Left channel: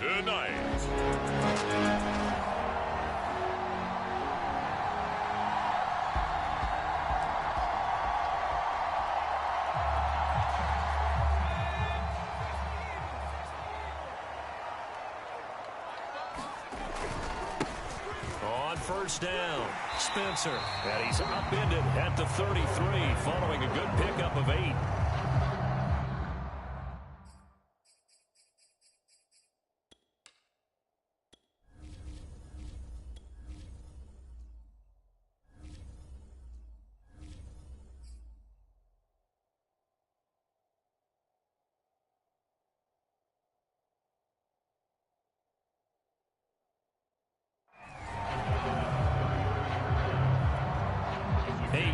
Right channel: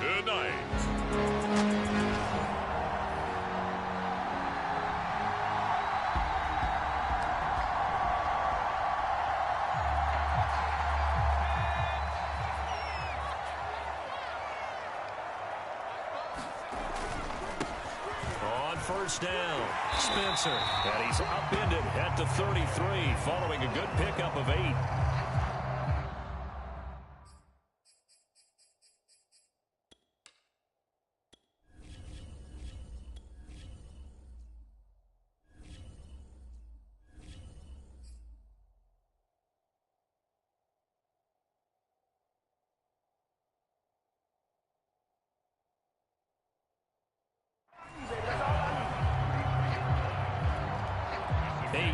tonight. On first down, Spencer. And he's upended at the 33 following a good pickup of 8.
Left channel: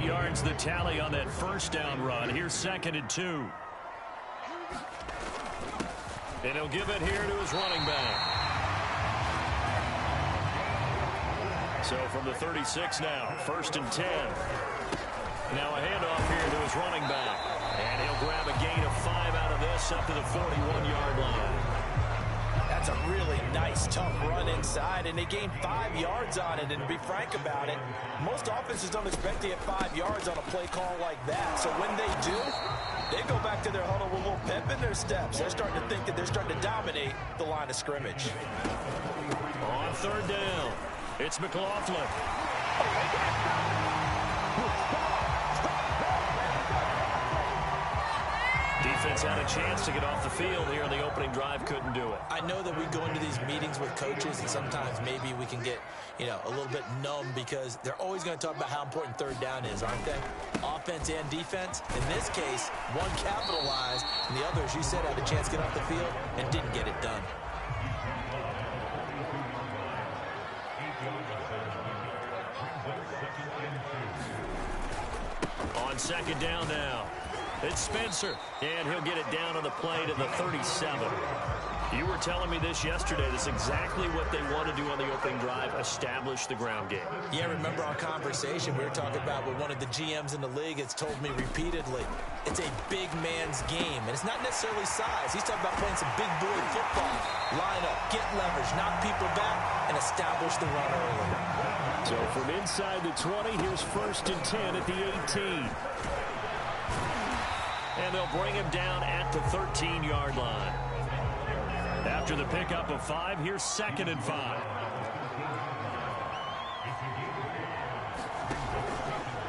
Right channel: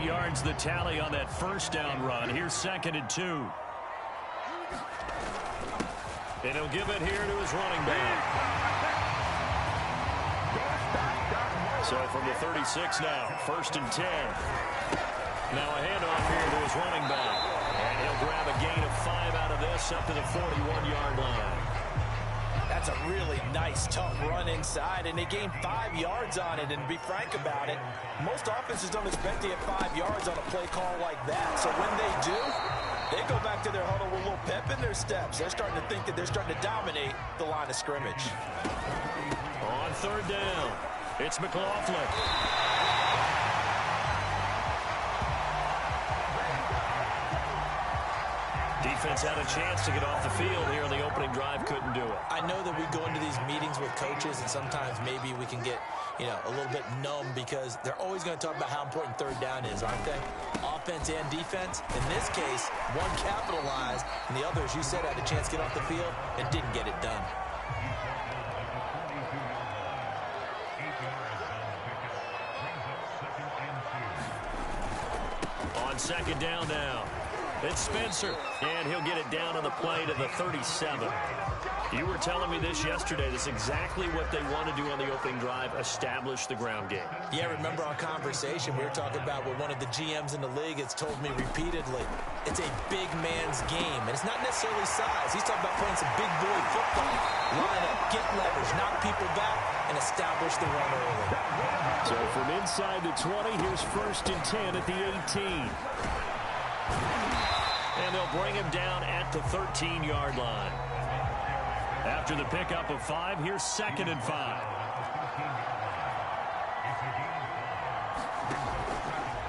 Yards the tally on that first down run. Here's 2nd and 2. And he'll give it here to his running back. So from the 36 now, 1st and 10. Now a handoff here to his running back. And he'll grab a gain of 5 out of this up to the 41-yard line. That's a really nice, tough run inside, and they gained 5 yards on it. And to be frank about it, most offenses don't expect to get 5 yards on a play call like that. So when they do, they go back to their huddle with a little pep in their steps. They're starting to think that they're starting to dominate the line of scrimmage. On 3rd down, it's McLaughlin. Defense had a chance to get off the field here in the opening drive, couldn't do it. I know that we go into these meetings with coaches, and sometimes maybe we can get, a little bit numb because they're always going to talk about how important 3rd down is, aren't they? Offense and defense. In this case, one capitalized, and the other, as you said, had a chance to get off the field and didn't get it done. On 2nd down now, it's Spencer, and he'll get it down on the play to the 37. You were telling me this yesterday. This is exactly what they want to do on the opening drive, establish the ground game. Yeah, remember our conversation we were talking about with one of the GMs in the league has told me repeatedly, it's a big man's game, and it's not necessarily size. He's talking about playing some big boy football. Line up, get leverage, knock people back, and establish the run early. So from inside the 20, here's 1st and 10 at the 18. And they'll bring him down at the 13-yard line. After the pickup of 5, here's 2nd and 5.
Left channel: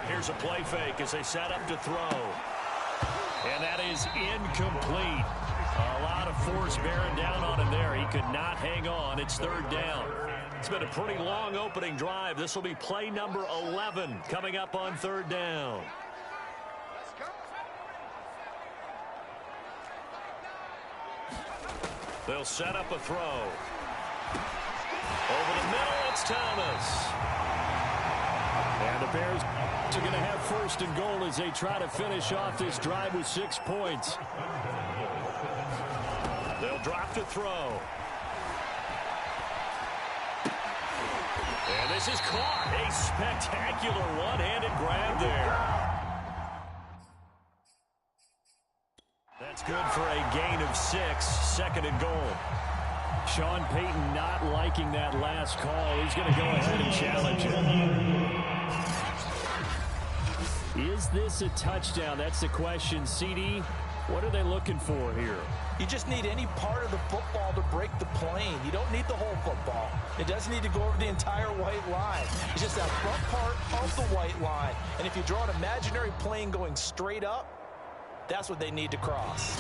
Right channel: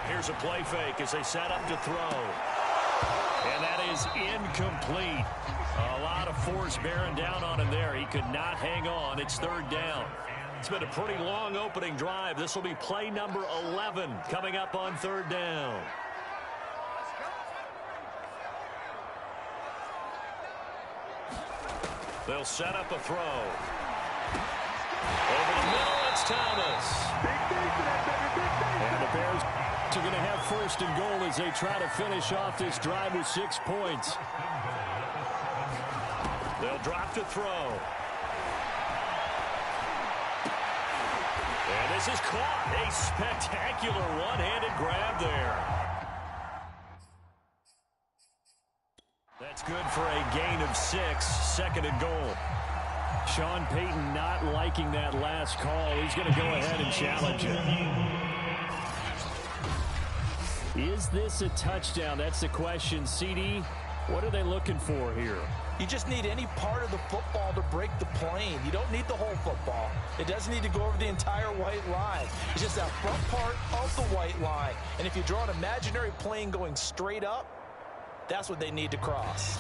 Here's a play fake as they set up to throw. And that is incomplete. A lot of force bearing down on him there. He could not hang on. It's 3rd down. It's been a pretty long opening drive. This will be play number 11 coming up on 3rd down. They'll set up a throw. Over the middle, it's Thomas. And the Bears are going to have 1st and goal as they try to finish off this drive with 6 points. They'll drop to throw. And this is caught. A spectacular one-handed grab there. That's good for a gain of 6, 2nd and goal. Sean Payton not liking that last call. He's going to go ahead and challenge it. Is this a touchdown? That's the question. CD, what are they looking for here? You just need any part of the football to break the plane. You don't need the whole football. It doesn't need to go over the entire white line. It's just that front part of the white line. And if you draw an imaginary plane going straight up, that's what they need to cross.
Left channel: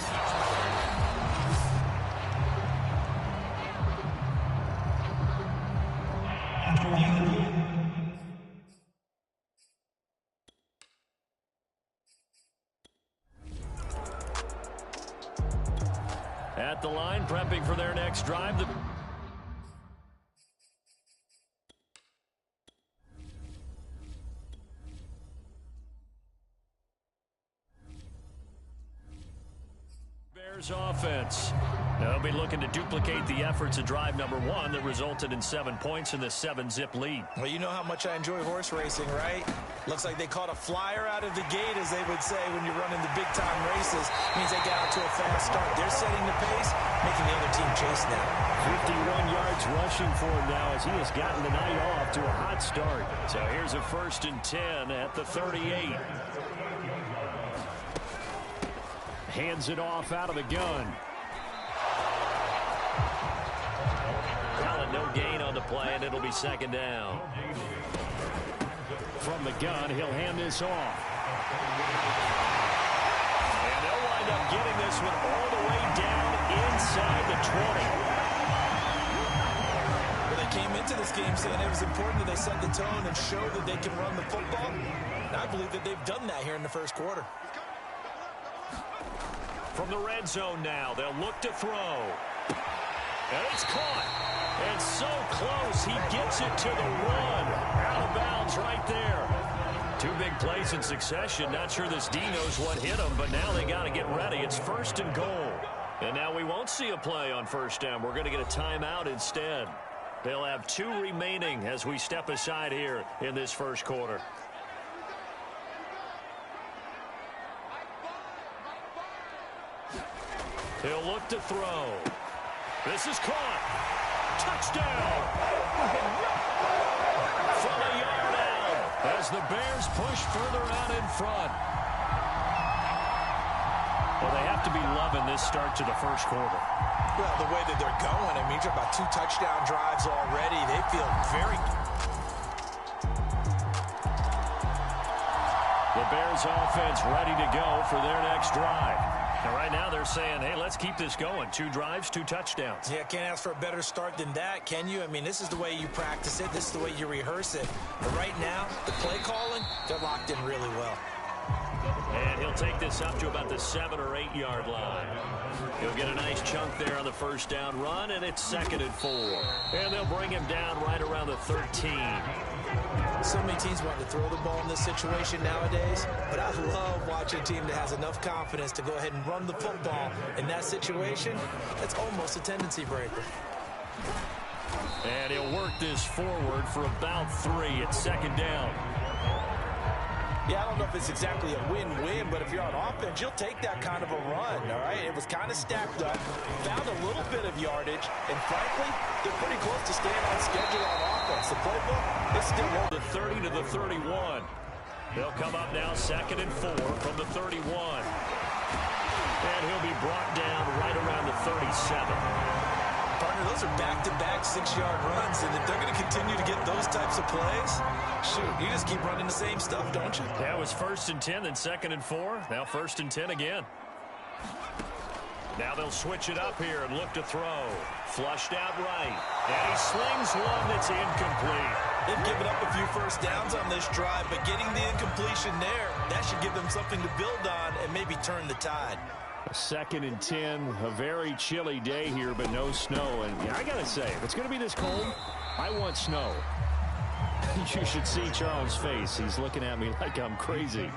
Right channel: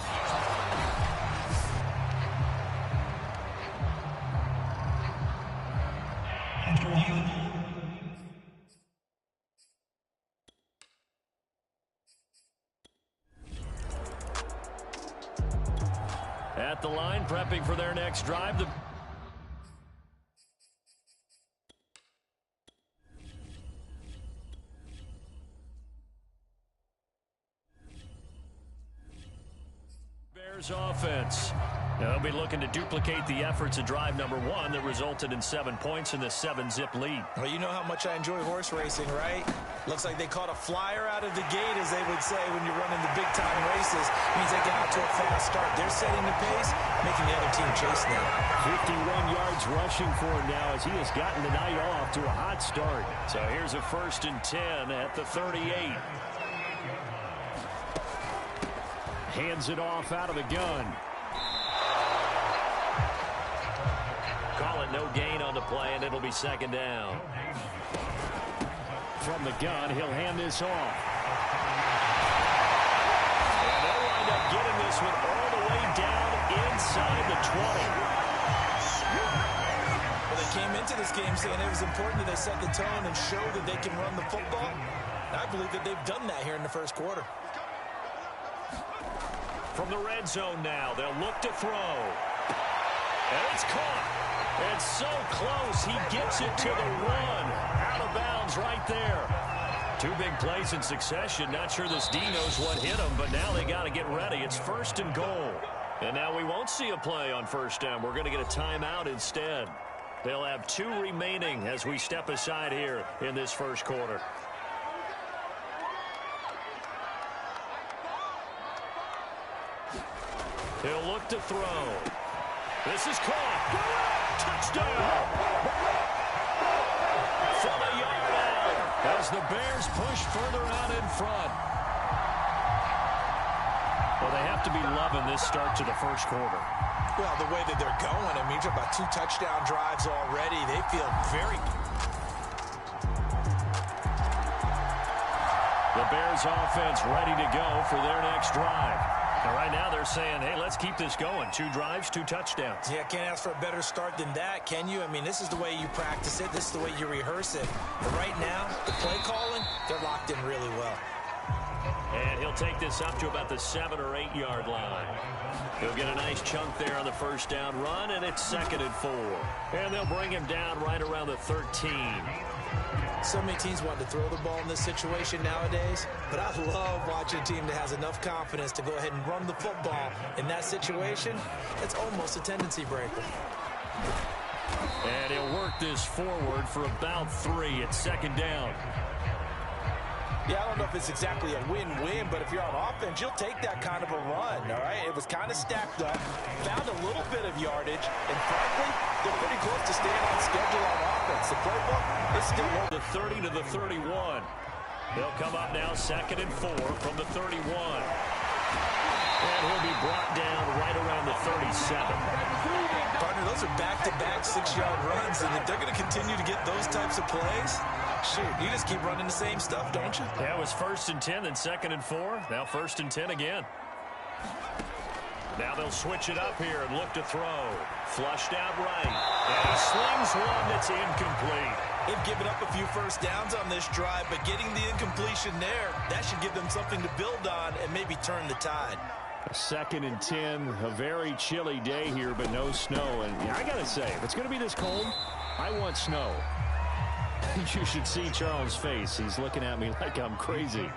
At the line, prepping for their next drive. The Bears offense. They'll be looking to duplicate the efforts of drive number 1 that resulted in 7 points in the 7-zip lead. Well, you know how much I enjoy horse racing, right? Looks like they caught a flyer out of the gate, as they would say when you're running the big-time races. Means they got out to a fast start. They're setting the pace. making the other team chase now. 51 yards rushing for him now as he has gotten the night off to a hot start. So here's a 1st and 10 at the 38. Hands it off out of the gun. Calling no gain on the play, and it'll be 2nd down. From the gun, he'll hand this off. And they'll wind up getting this one all the way down inside the 20. Well, they came into this game saying it was important that they set the tone and show that they can run the football. And I believe that they've done that here in the 1st quarter. From the red zone now, they'll look to throw. And it's caught. And so close, he gets it to the 1. Out of bounds right there. 2 big plays in succession. Not sure this D knows what hit him, but now they got to get ready. It's 1st and goal. And now we won't see a play on 1st down. We're going to get a timeout instead. They'll have 2 remaining as we step aside here in this 1st quarter. He'll look to throw. This is caught. Touchdown. From a yard out as the Bears push further out in front. Well, they have to be loving this start to the 1st quarter. Well, the way that they're going, I mean, you're about 2 touchdown drives already. They feel very... The Bears offense ready to go for their next drive. And right now they're saying, hey, let's keep this going. 2 drives, 2 touchdowns. Yeah, can't ask for a better start than that, can you? I mean, this is the way you practice it. This is the way you rehearse it. But right now, the play calling, they're locked in really well. And he'll take this up to about the 7 or 8 yard line. He'll get a nice chunk there on the 1st down run, and it's 2nd and 4. And they'll bring him down right around the 13. So many teams want to throw the ball in this situation nowadays, but I love watching a team that has enough confidence to go ahead and run the football in that situation. It's almost a tendency breaker. And he'll work this forward for about 3 at 2nd down. Yeah, I don't know if it's exactly a win-win, but if you're on offense, you'll take that kind of a run, all right? It was kind of stacked up, found a little bit of yardage, and frankly, they're pretty close to staying on schedule on offense. The playbook is still over. The 30 to the 31. They'll come up now 2nd and 4 from the 31. And he'll be brought down right around the 37. Partner, those are back-to-back 6-yard runs, and if they're going to continue to get those types of plays, shoot, you just keep running the same stuff, don't you? Yeah, it was 1st and 10, then 2nd and 4. Now 1st and 10 again. Now they'll switch it up here and look to throw. Flushed out right. And he slings one that's incomplete. They've given up a few 1st downs on this drive, but getting the incompletion there, that should give them something to build on and maybe turn the tide. 2nd and 10, a very chilly day here, but no snow. And yeah, I got to say, if it's going to be this cold, I want snow. You should see Charles' face. He's looking at me like I'm crazy.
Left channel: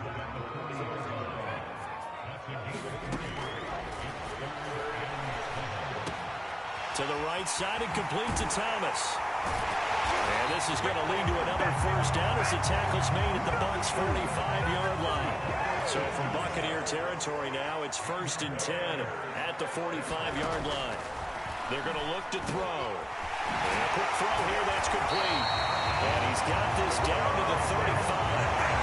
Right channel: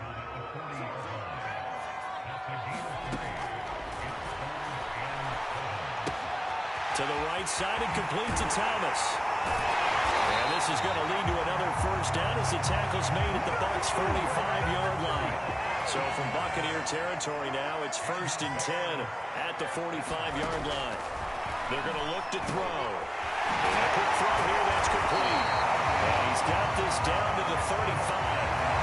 To the right side and complete to Thomas. And this is going to lead to another 1st down as the tackle's made at the Bucs' 45-yard line. So from Buccaneer territory now, it's 1st and 10 at the 45-yard line. They're going to look to throw. And a quick throw here, that's complete. And he's got this down to the 35.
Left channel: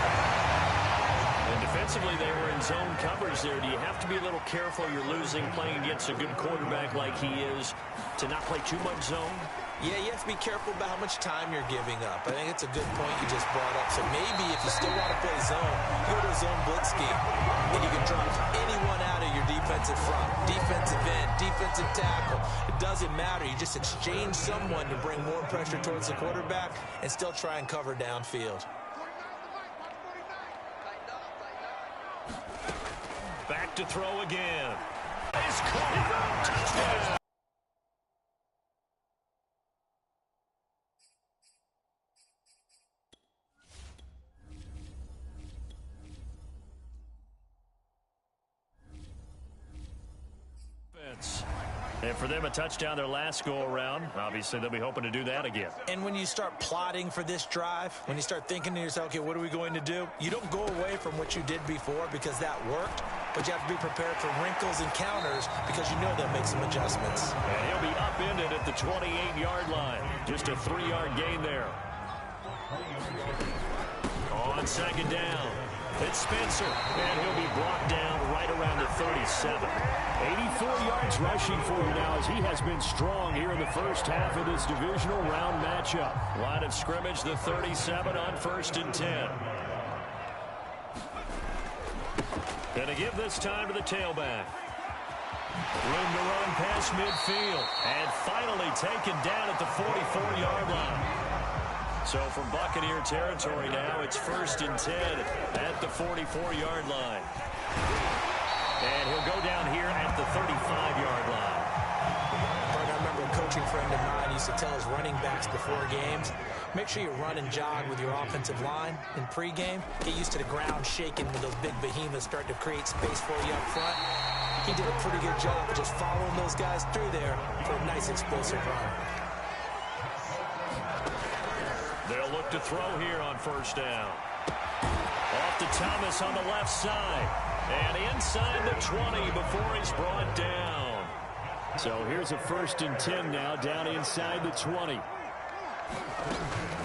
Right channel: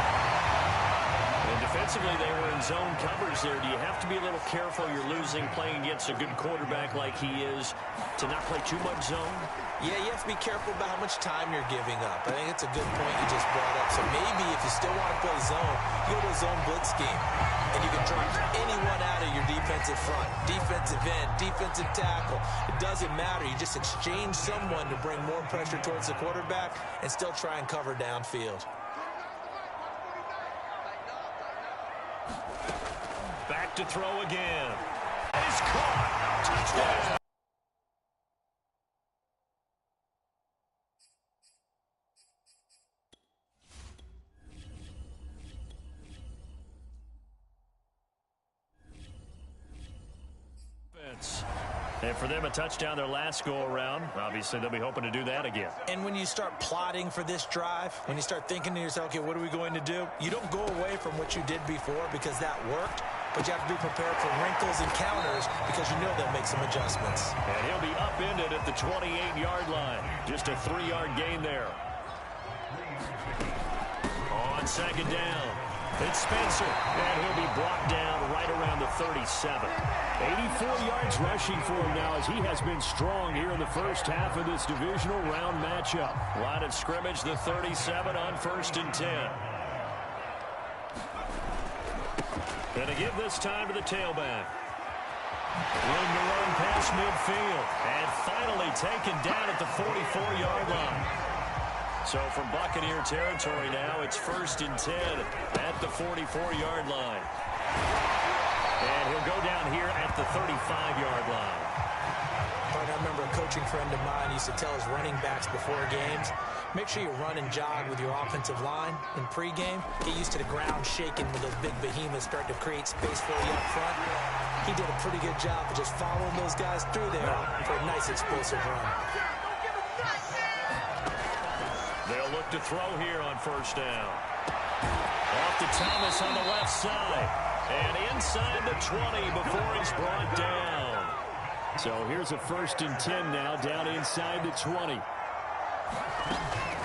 And defensively, they were in zone coverage there. Do you have to be a little careful? You're losing playing against a good quarterback like he is to not play too much zone? Yeah, you have to be careful about how much time you're giving up. I think it's a good point you just brought up. So maybe if you still want to play zone, you go to a zone blitz scheme. And you can drop anyone out of your defensive front. Defensive end, defensive tackle. It doesn't matter. You just exchange someone to bring more pressure towards the quarterback and still try and cover downfield. Back to throw again. It's caught. Touchdown. And for them, a touchdown their last go-around. Obviously, they'll be hoping to do that again. And when you start plotting for this drive, when you start thinking to yourself, okay, what are we going to do? You don't go away from what you did before because that worked, but you have to be prepared for wrinkles and counters because you know they'll make some adjustments. And he'll be upended at the 28-yard line. Just a 3-yard gain there. On second down, it's Spencer, and he'll be brought down right around the 37. 84 yards rushing for him now as he has been strong here in the first half of this divisional round matchup. Line of scrimmage, the 37 on 1st and 10. Going to give this time to the tailback. Room to run past midfield, and finally taken down at the 44-yard line. So from Buccaneer territory now, it's 1st and 10 at the 44-yard line. And he'll go down here at the 35-yard line. I remember a coaching friend of mine used to tell his running backs before games, make sure you run and jog with your offensive line in pregame. Get used to the ground shaking when those big behemoths start to create space for you up front. He did a pretty good job of just following those guys through there for a nice explosive run. They'll look to throw here on 1st down. Off to Thomas on the left side. And inside the 20 before he's brought down. So here's a 1st and 10 now, down inside the 20.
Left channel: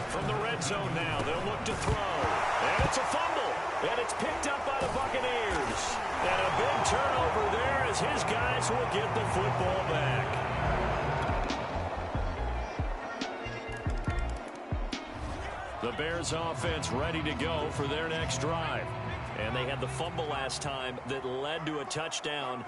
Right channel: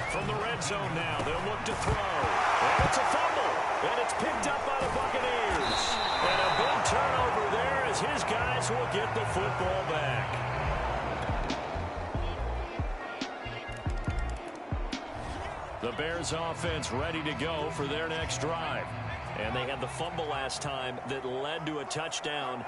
From the red zone now, they'll look to throw. And it's a fumble. And it's picked up by the Buccaneers. And a big turnover there as his guys will get the football back. The Bears offense ready to go for their next drive. And they had the fumble last time that led to a touchdown.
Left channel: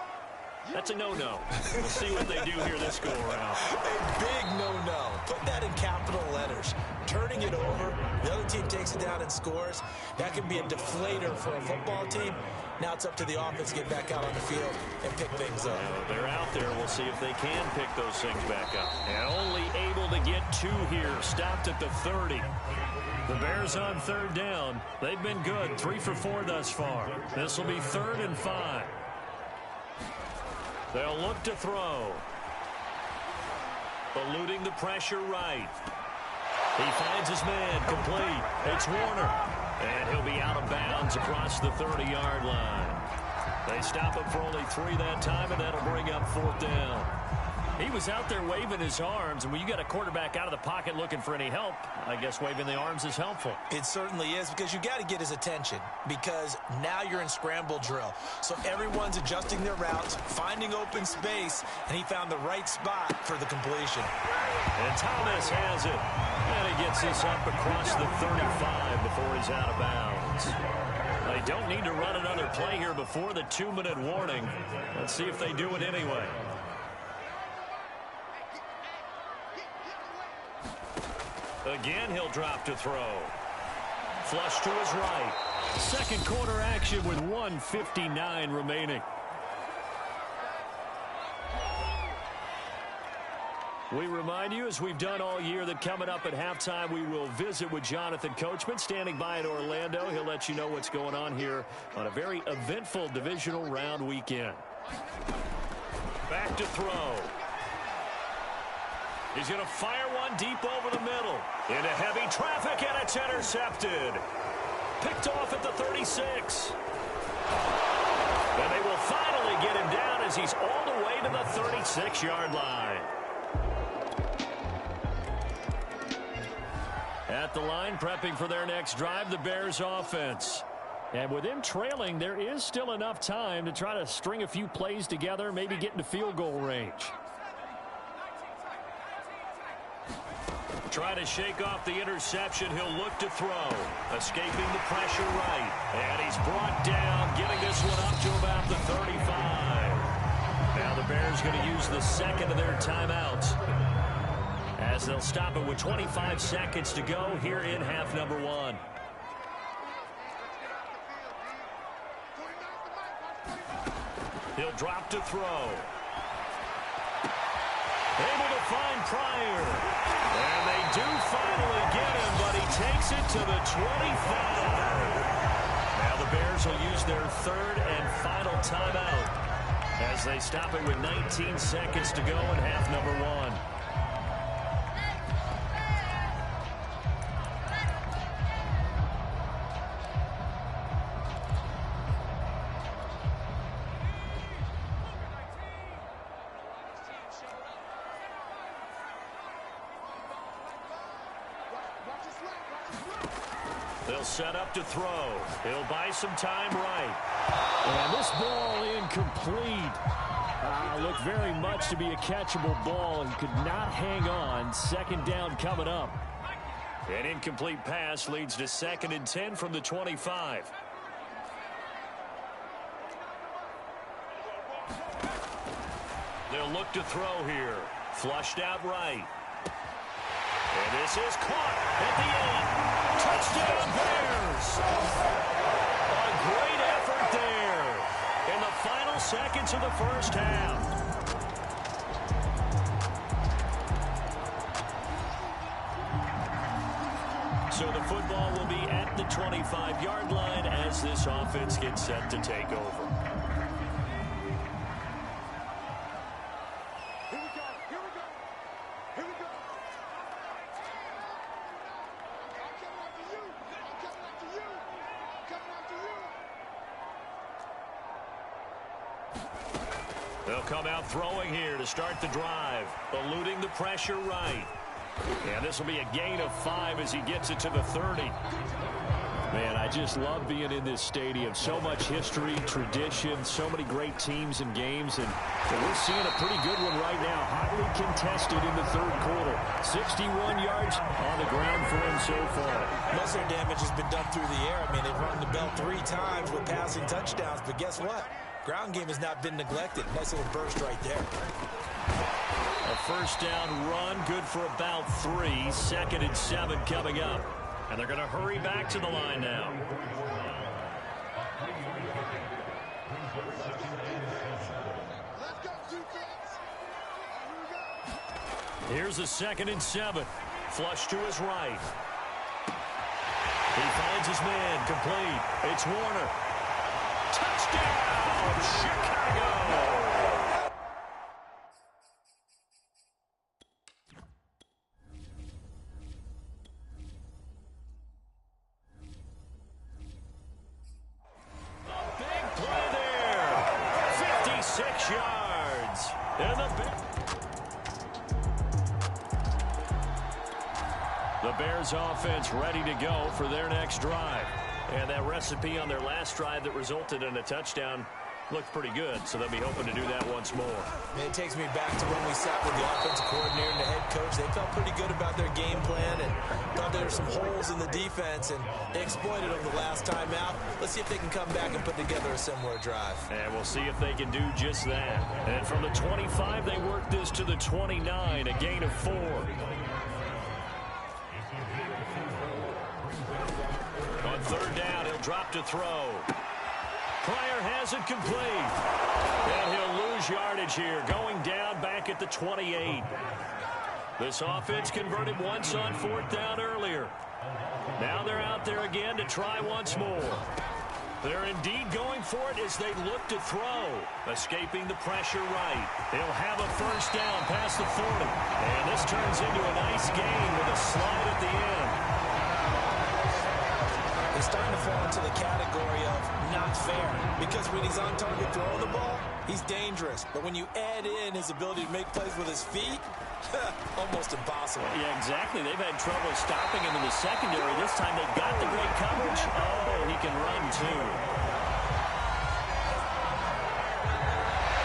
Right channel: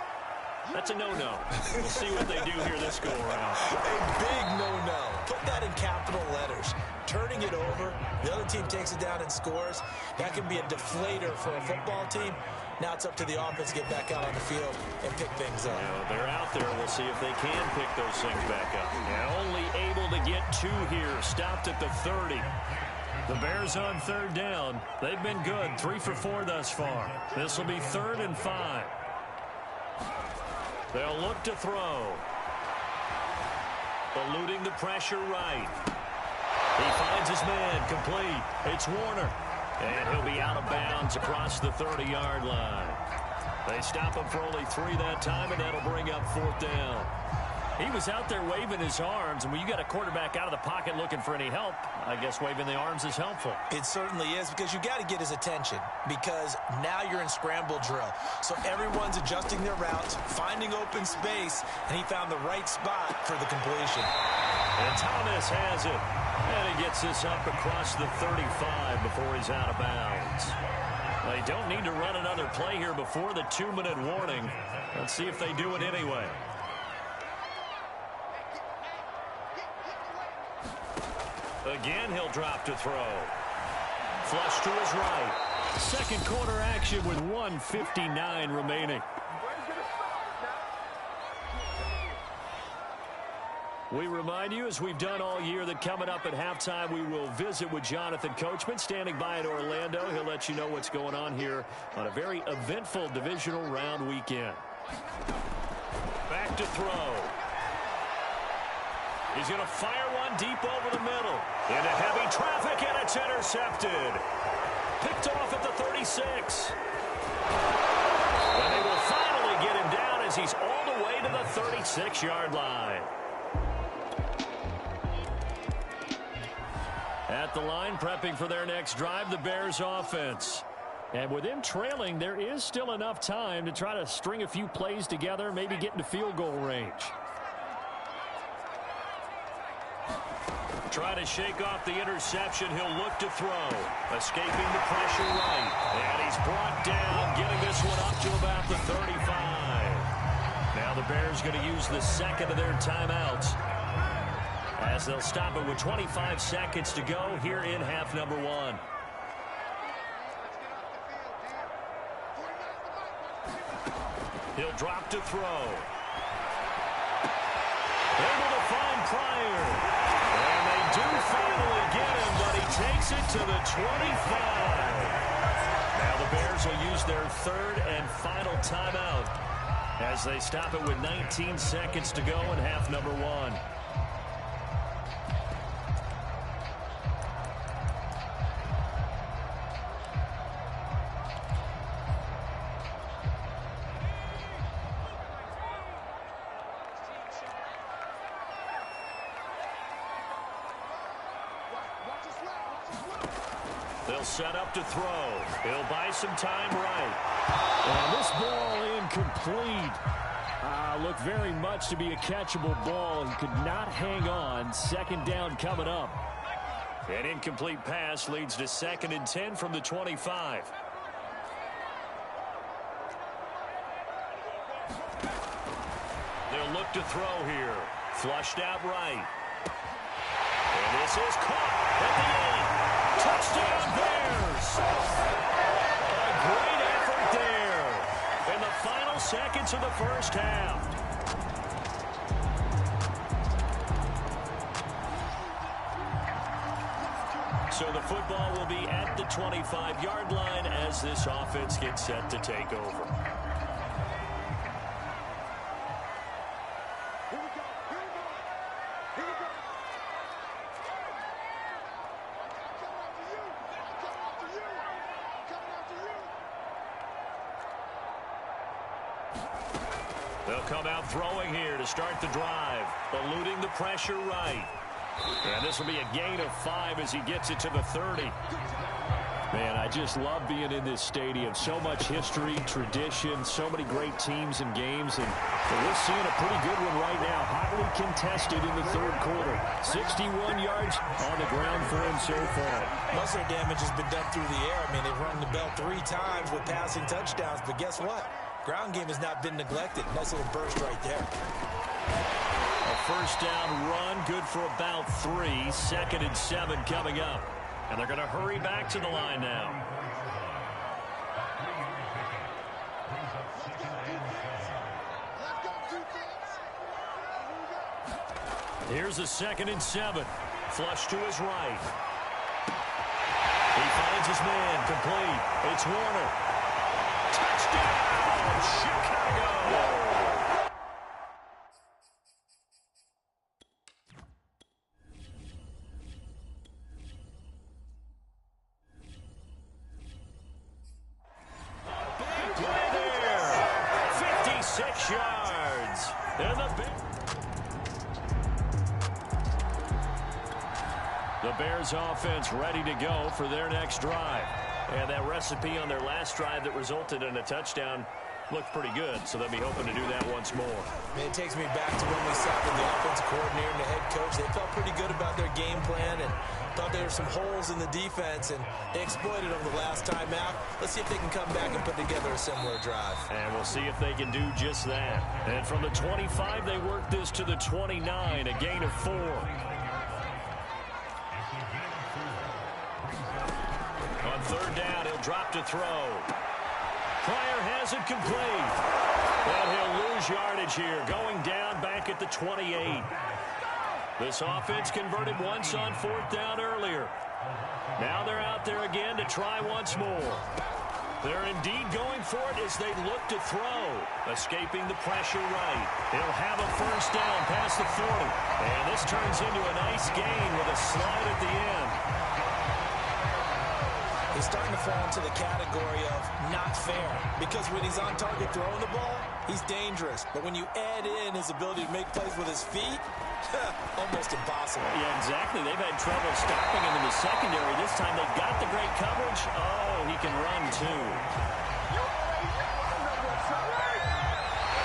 That's a no-no. We'll see what they do here this go-around. A big no-no. Put that in capital letters. Turning it over, the other team takes it down and scores. That can be a deflator for a football team. Now it's up to the offense to get back out on the field and pick things up. They're out there. We'll see if they can pick those things back up. And only able to get 2 here. Stopped at the 30. The Bears on 3rd down. They've been good. 3 for 4 thus far. This will be 3rd and 5. They'll look to throw. Eluding the pressure right. He finds his man complete. It's Warner. And he'll be out of bounds across the 30-yard line. They stop him for only 3 that time, and that'll bring up 4th down. He was out there waving his arms, and when you got a quarterback out of the pocket looking for any help, I guess waving the arms is helpful. It certainly is, because you got to get his attention, because now you're in scramble drill. So everyone's adjusting their routes, finding open space, and he found the right spot for the completion. And Thomas has it. And he gets this up across the 35 before he's out of bounds. They don't need to run another play here before the 2-minute warning. Let's see if they do it anyway. Again, he'll drop to throw. Flush to his right. Second quarter action with 1:59 remaining. We remind you, as we've done all year, that coming up at halftime, we will visit with Jonathan Coachman, standing by in Orlando. He'll let you know what's going on here on a very eventful divisional round weekend. Back to throw. He's going to fire one deep over the middle. Into heavy traffic, and it's intercepted. Picked off at the 36. And they will finally get him down as he's all the way to the 36-yard line. At the line, prepping for their next drive, the Bears offense. And with them trailing, there is still enough time to try to string a few plays together, maybe get into field goal range. Try to shake off the interception. He'll look to throw. Escaping the pressure right. And he's brought down, getting this one up to about the 35. Now the Bears going to use the second of their timeouts, as they'll stop it with 25 seconds to go here in half number 1. He'll drop to throw. Able to find Pryor. And they do finally get him, but he takes it to the 25. Now the Bears will use their third and final timeout as they stop it with 19 seconds to go in half number 1. They'll set up to throw. He'll buy some time right. And this ball incomplete. Looked very much to be a catchable ball. He could not hang on. Second down coming up. An incomplete pass leads to 2nd and 10 from the 25. They'll look to throw here. Flushed out right. And this is caught at the 8. Touchdown Bears. A great effort there in the final seconds of the first half. So the football will be at the 25-yard line as this offense gets set to take over. They'll come out throwing here to start the drive, eluding the pressure right. And this will be a gain of 5 as he gets it to the 30. Man, I just love being in this stadium. So much history, tradition, so many great teams and games. And we're seeing a pretty good one right now. Hotly contested in the third quarter. 61 yards on the ground for him so far. Most of their damage has been done through the air. I mean, they've rung the bell 3 times with passing touchdowns. But guess what? Ground game has not been neglected. Nice little burst right there. A first down run, good for about 3. 2nd and 7 coming up. And they're going to hurry back to the line now. Here's a 2nd and 7. Flush to his right. He finds his man, complete. It's Warner. Touchdown, Chicago! Big play there. 56 yards. And the Bears offense ready to go for their next drive. And that recipe on their last drive that resulted in a touchdown looked pretty good, so they'll be hoping to do that once more. It takes me back to when we sat with the offensive coordinator and the head coach. They felt pretty good about their game plan and thought there were some holes in the defense, and they exploited them the last time out. Let's see if they can come back and put together a similar drive. And we'll see if they can do just that. And from the 25, they work this to the 29, a gain of 4. On third down, he'll drop to throw. Pryor has it complete. And he'll lose yardage here, going down back at the 28. This offense converted once on 4th down earlier. Now they're out there again to try once more. They're indeed going for it as they look to throw. Escaping the pressure right. He'll have a first down past the 40. And this turns into a nice gain with a slide at the end. He's starting to fall into the category of not fair, because when he's on target throwing the ball, he's dangerous. But when you add in his ability to make plays with his feet, almost impossible. Yeah, exactly. They've had trouble stopping him in the secondary. This time they got the great coverage. Oh, he can run too.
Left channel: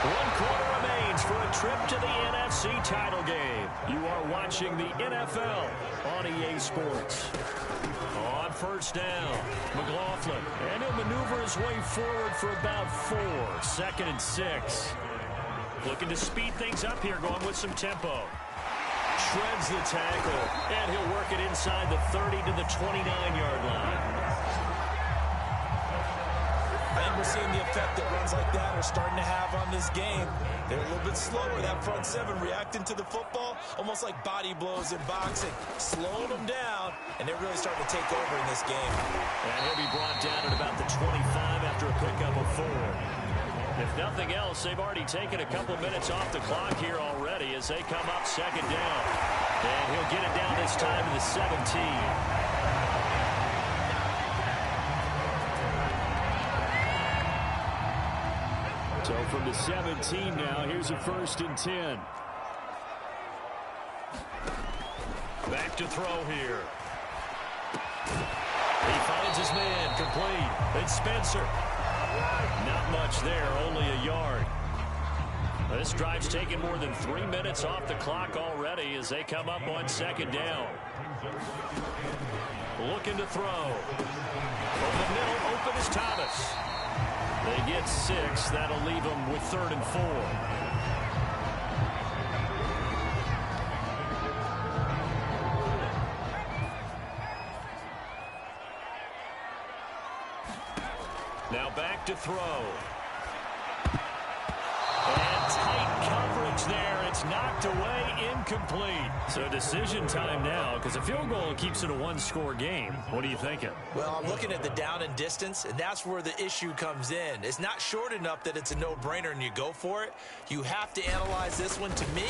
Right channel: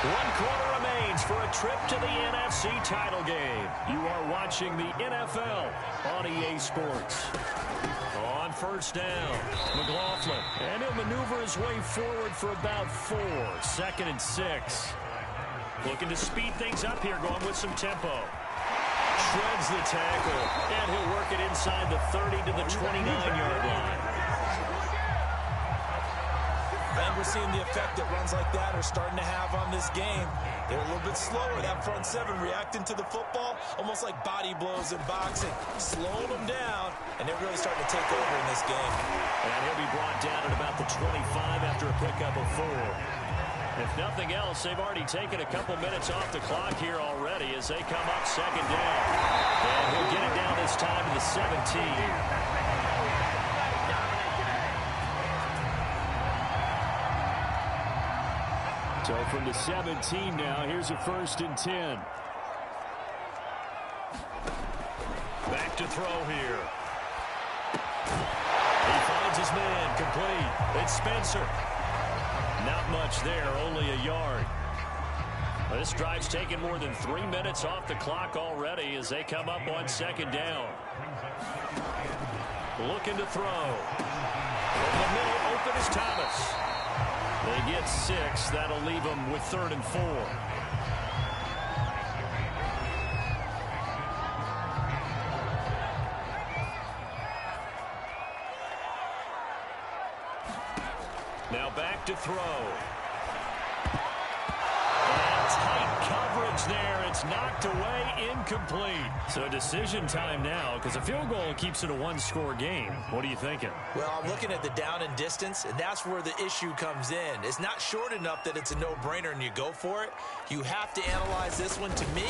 1 quarter remains for a trip to the NFC title game. You are watching the NFL on EA Sports. On first down, McLaughlin, and he'll maneuver his way forward for about 4. 2nd and 6. Looking to speed things up here, going with some tempo. Shreds the tackle, and he'll work it inside the 30 to the 29-yard line. And we're seeing the effect that runs like that are starting to have on this game. They're a little bit slower, that front 7 reacting to the football, almost like body blows in boxing, slowing them down, and they're really starting to take over in this game. And he'll be brought down at about the 25 after a pickup of 4. If nothing else, they've already taken a couple minutes off the clock here already as they come up 2nd down. And he'll get it down this time to the 17. So from the 17 now, here's a 1st and 10. Back to throw here. He finds his man, complete. It's Spencer. Not much there, only a yard. This drive's taken more than 3 minutes off the clock already as they come up on second down. Looking to throw. Over the middle, open is Thomas. They get 6. That'll leave them with 3rd and 4. Now back to throw. And tight coverage there. It's knocked away, incomplete. So decision time now, because a field goal keeps it a one-score game. What are you thinking? Well, I'm looking at the down and distance, and that's where the issue comes in. It's not short enough that it's a no-brainer and you go for it. You have to analyze this one. To me,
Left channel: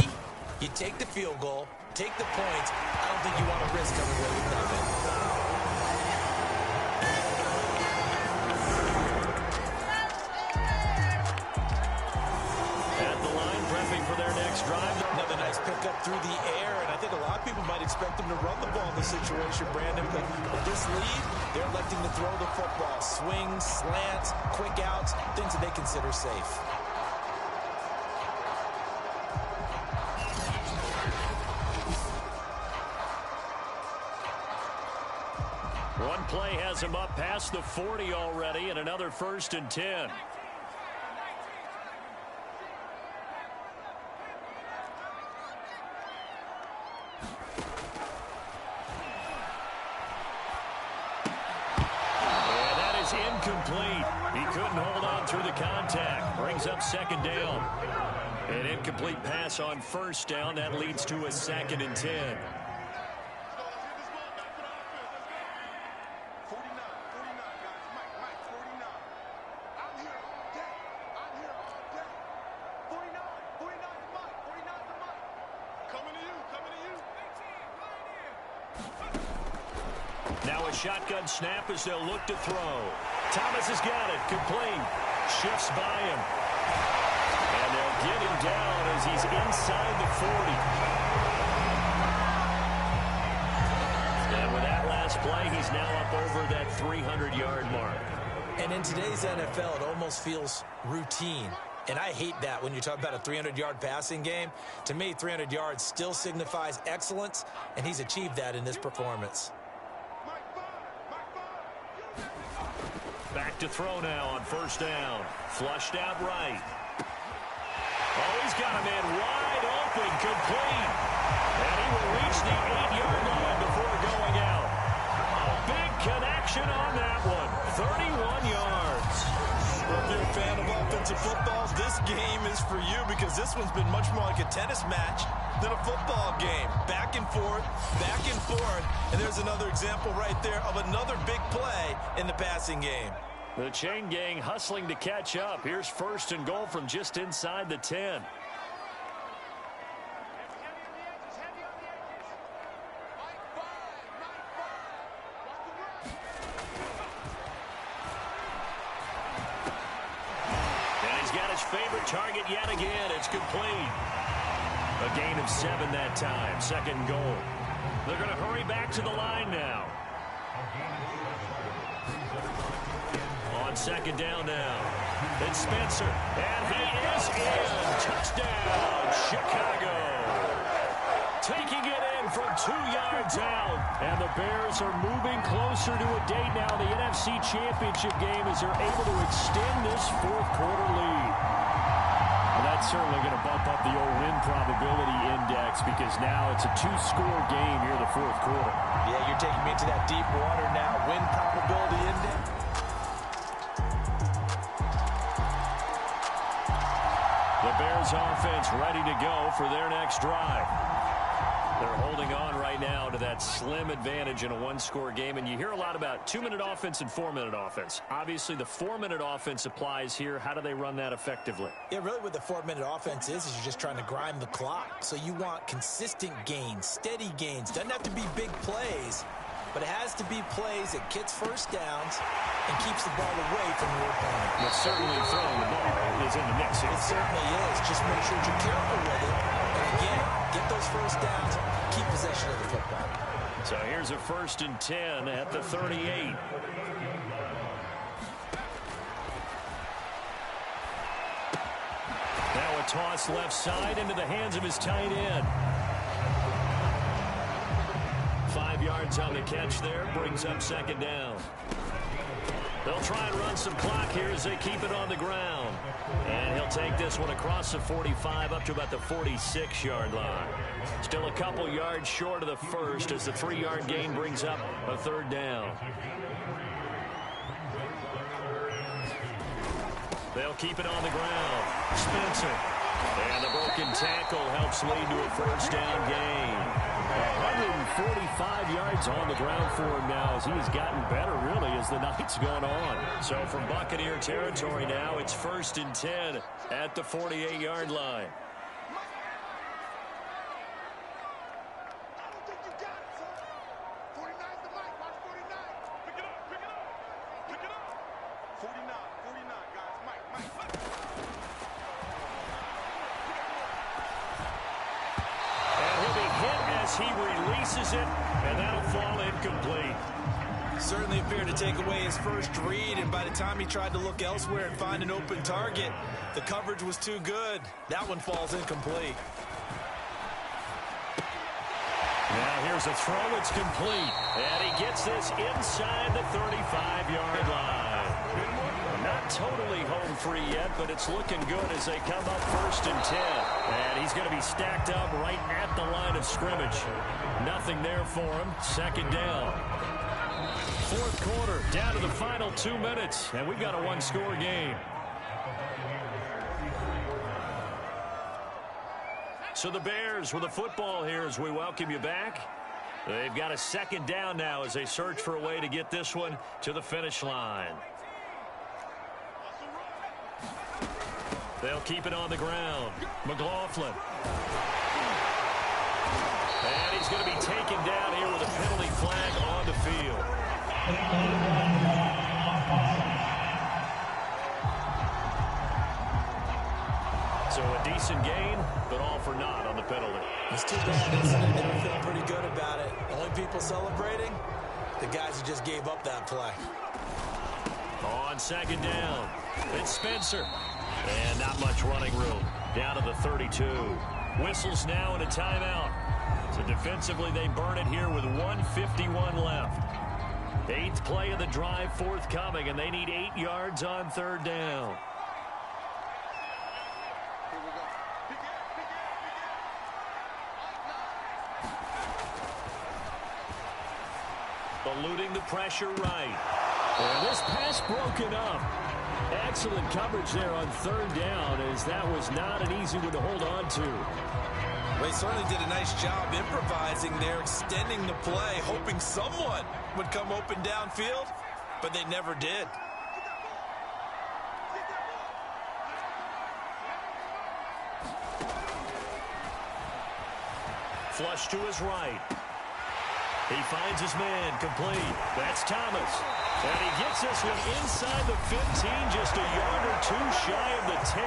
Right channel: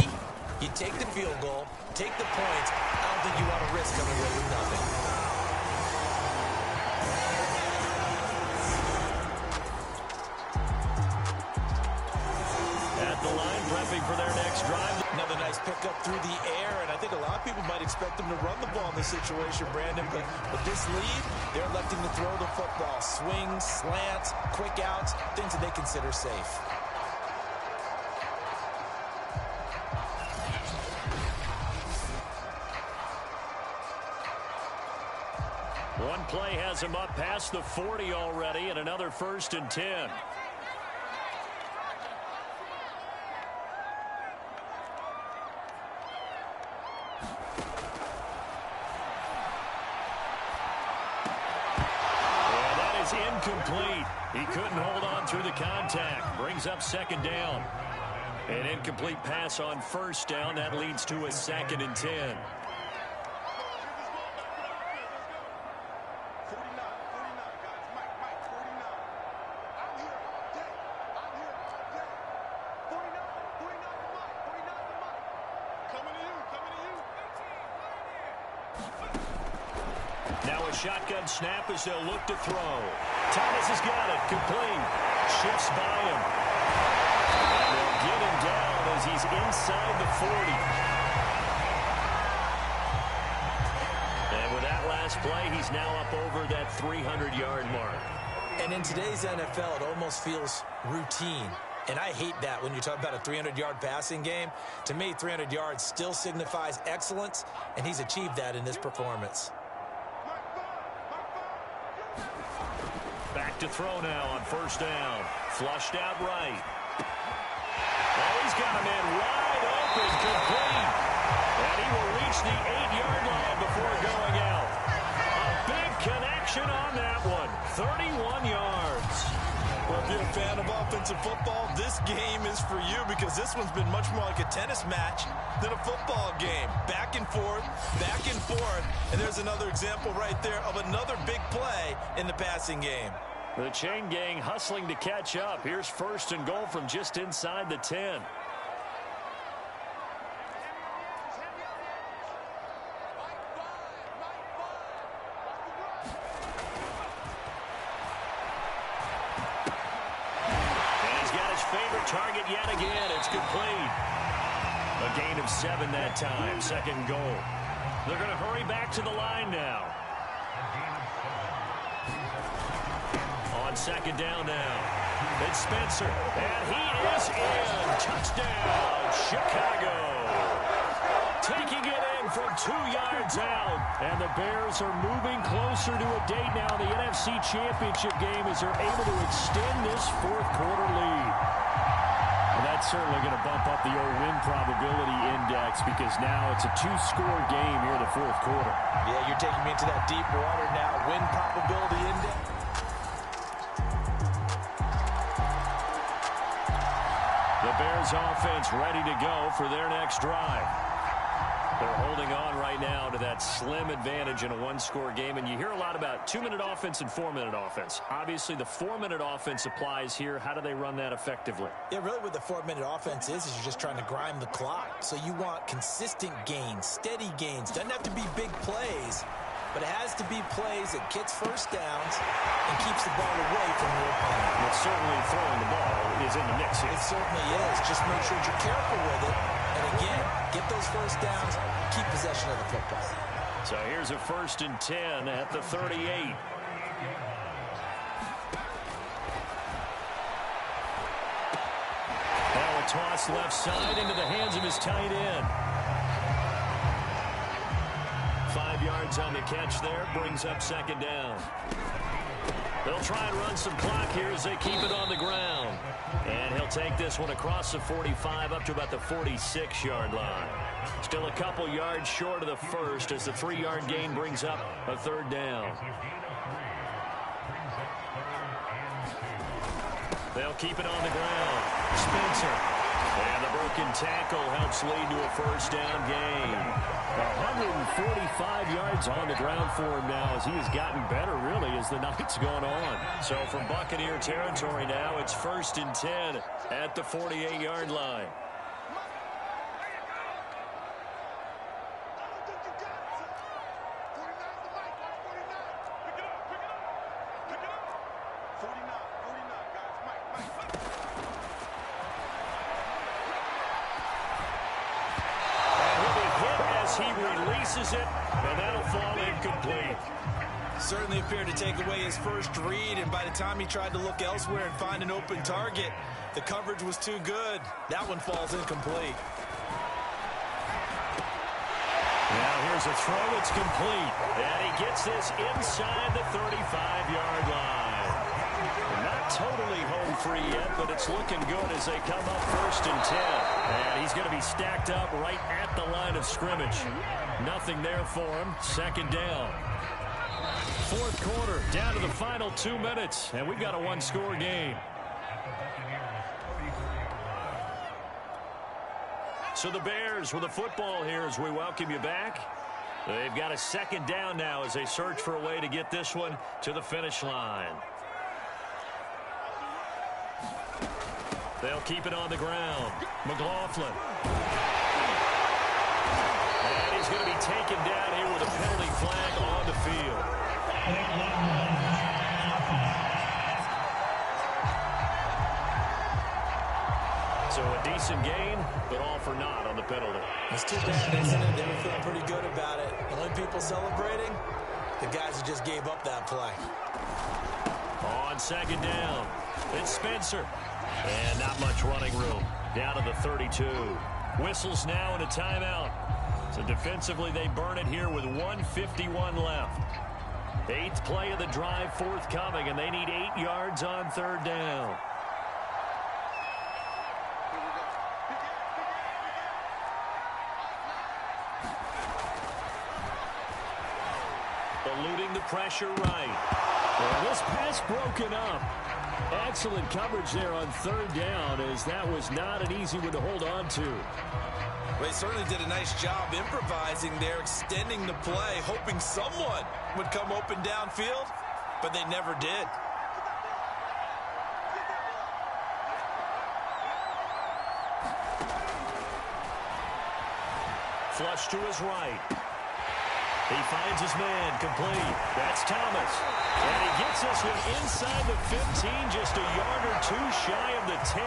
you take the field goal, take the points. I don't think you want to risk coming away with nothing. Prepping for their next drive. Another nice pickup through the air, and I think a lot of people might expect them to run the ball in this situation, Brandon, but with this lead, they're electing to throw the football. Swings, slants, quick outs, things that they consider safe. One play has him up past the 40 already, and another 1st and 10. Incomplete. He couldn't hold on through the contact. Brings up 2nd down. An incomplete pass on 1st down. That leads to a 2nd and 10. Now a shotgun snap as they'll look to throw. Thomas has got it. Complete. Shifts by him. And they'll get him down as he's inside the 40. And with that last play, he's now up over that 300-yard mark. And in today's NFL, it almost feels routine. And I hate that when you talk about a 300-yard passing game. To me, 300 yards still signifies excellence, and he's achieved that in this performance. Back to throw now on 1st down. Flushed out right. Oh, he's got a man wide open, complete. And he will reach the 8-yard line before going out. A big connection on that one. 31 yards. Well, if you're a fan of offensive football, this game is for you because this one's been much more like a tennis match than a football game. Back and forth, and there's another example right there of another big play in the passing game. The chain gang hustling to catch up. Here's 1st and goal from just inside the 10. And he's got his favorite target yet again. It's complete. A gain of 7 that time. 2nd goal. They're going to hurry back to the line now. On 2nd down now. It's Spencer. And he is in. Touchdown, Chicago. Taking it in from 2 yards out. And the Bears are moving closer to a date now in the NFC Championship game as they're able to extend this 4th quarter lead. Well, that's certainly going to bump up the old win probability index because now it's a 2-score game here in the 4th quarter. Yeah, you're taking me into that deep water now. Win probability index. The Bears offense ready to go for their next drive. They're holding on right now to that slim advantage in a 1-score game. And you hear a lot about 2-minute offense and 4-minute offense. Obviously, the 4-minute offense applies here. How do they run that effectively? Yeah, really what the 4-minute offense is you're just trying to grind the clock. So you want consistent gains, steady gains. Doesn't have to be big plays, but it has to be plays that gets 1st downs and keeps the ball away from your opponent. Well, certainly throwing the ball is in the mix here. It certainly is. Just make sure you're careful with it. And again, get those 1st downs, keep possession of the football. So here's a 1st and 10 at the 38. Now a toss left side into the hands of his tight end. 5 yards on the catch there, brings up 2nd down. They'll try and run some clock here as they keep it on the ground. And he'll take this one across the 45 up to about the 46-yard line. Still a couple yards short of the first as the 3-yard gain brings up a 3rd down. They'll keep it on the ground. Spencer. And the broken tackle helps lead to a 1st down gain. 145 yards on the ground for him now as he has gotten better, really, as the night's gone on. So from Buccaneer territory now, it's 1st and 10 at the 48-yard line. He releases it, and that'll fall incomplete. Certainly appeared to take away his first read, and by the time he tried to look elsewhere and find an open target, the coverage was too good. That one falls incomplete. Now here's a throw. It's complete, and he gets this inside the 35-yard line. Not totally home free yet, but it's looking good as they come up 1st and 10. And he's going to be stacked up right at the line of scrimmage. Nothing there for him. 2nd down. 4th quarter, down to the final 2 minutes, and we've got a 1-score game. So the Bears with the football here as we welcome you back. They've got a 2nd down now as they search for a way to get this one to the finish line. They'll keep it on the ground. McLaughlin. And he's going to be taken down here with a penalty flag on the field. So a decent gain, but all for naught on the penalty. It's too bad, isn't it? They were feeling pretty good about it. The only people celebrating, the guys who just gave up that play. On 2nd down, it's Spencer. And not much running room. Down to the 32. Whistles now and a timeout. So defensively, they burn it here with 1:51 left. 8th play of the drive forthcoming, and they need 8 yards on 3rd down. Eluding the pressure right. And this pass broken up. Excellent coverage there on 3rd down, as that was not an easy one to hold on to. Well, he certainly did a nice job improvising there, extending the play, hoping someone would come open downfield, but they never did. Flush to his right. He finds his man, complete. That's Thomas. And he gets this one inside the 15, just a yard or 2 shy of the 10.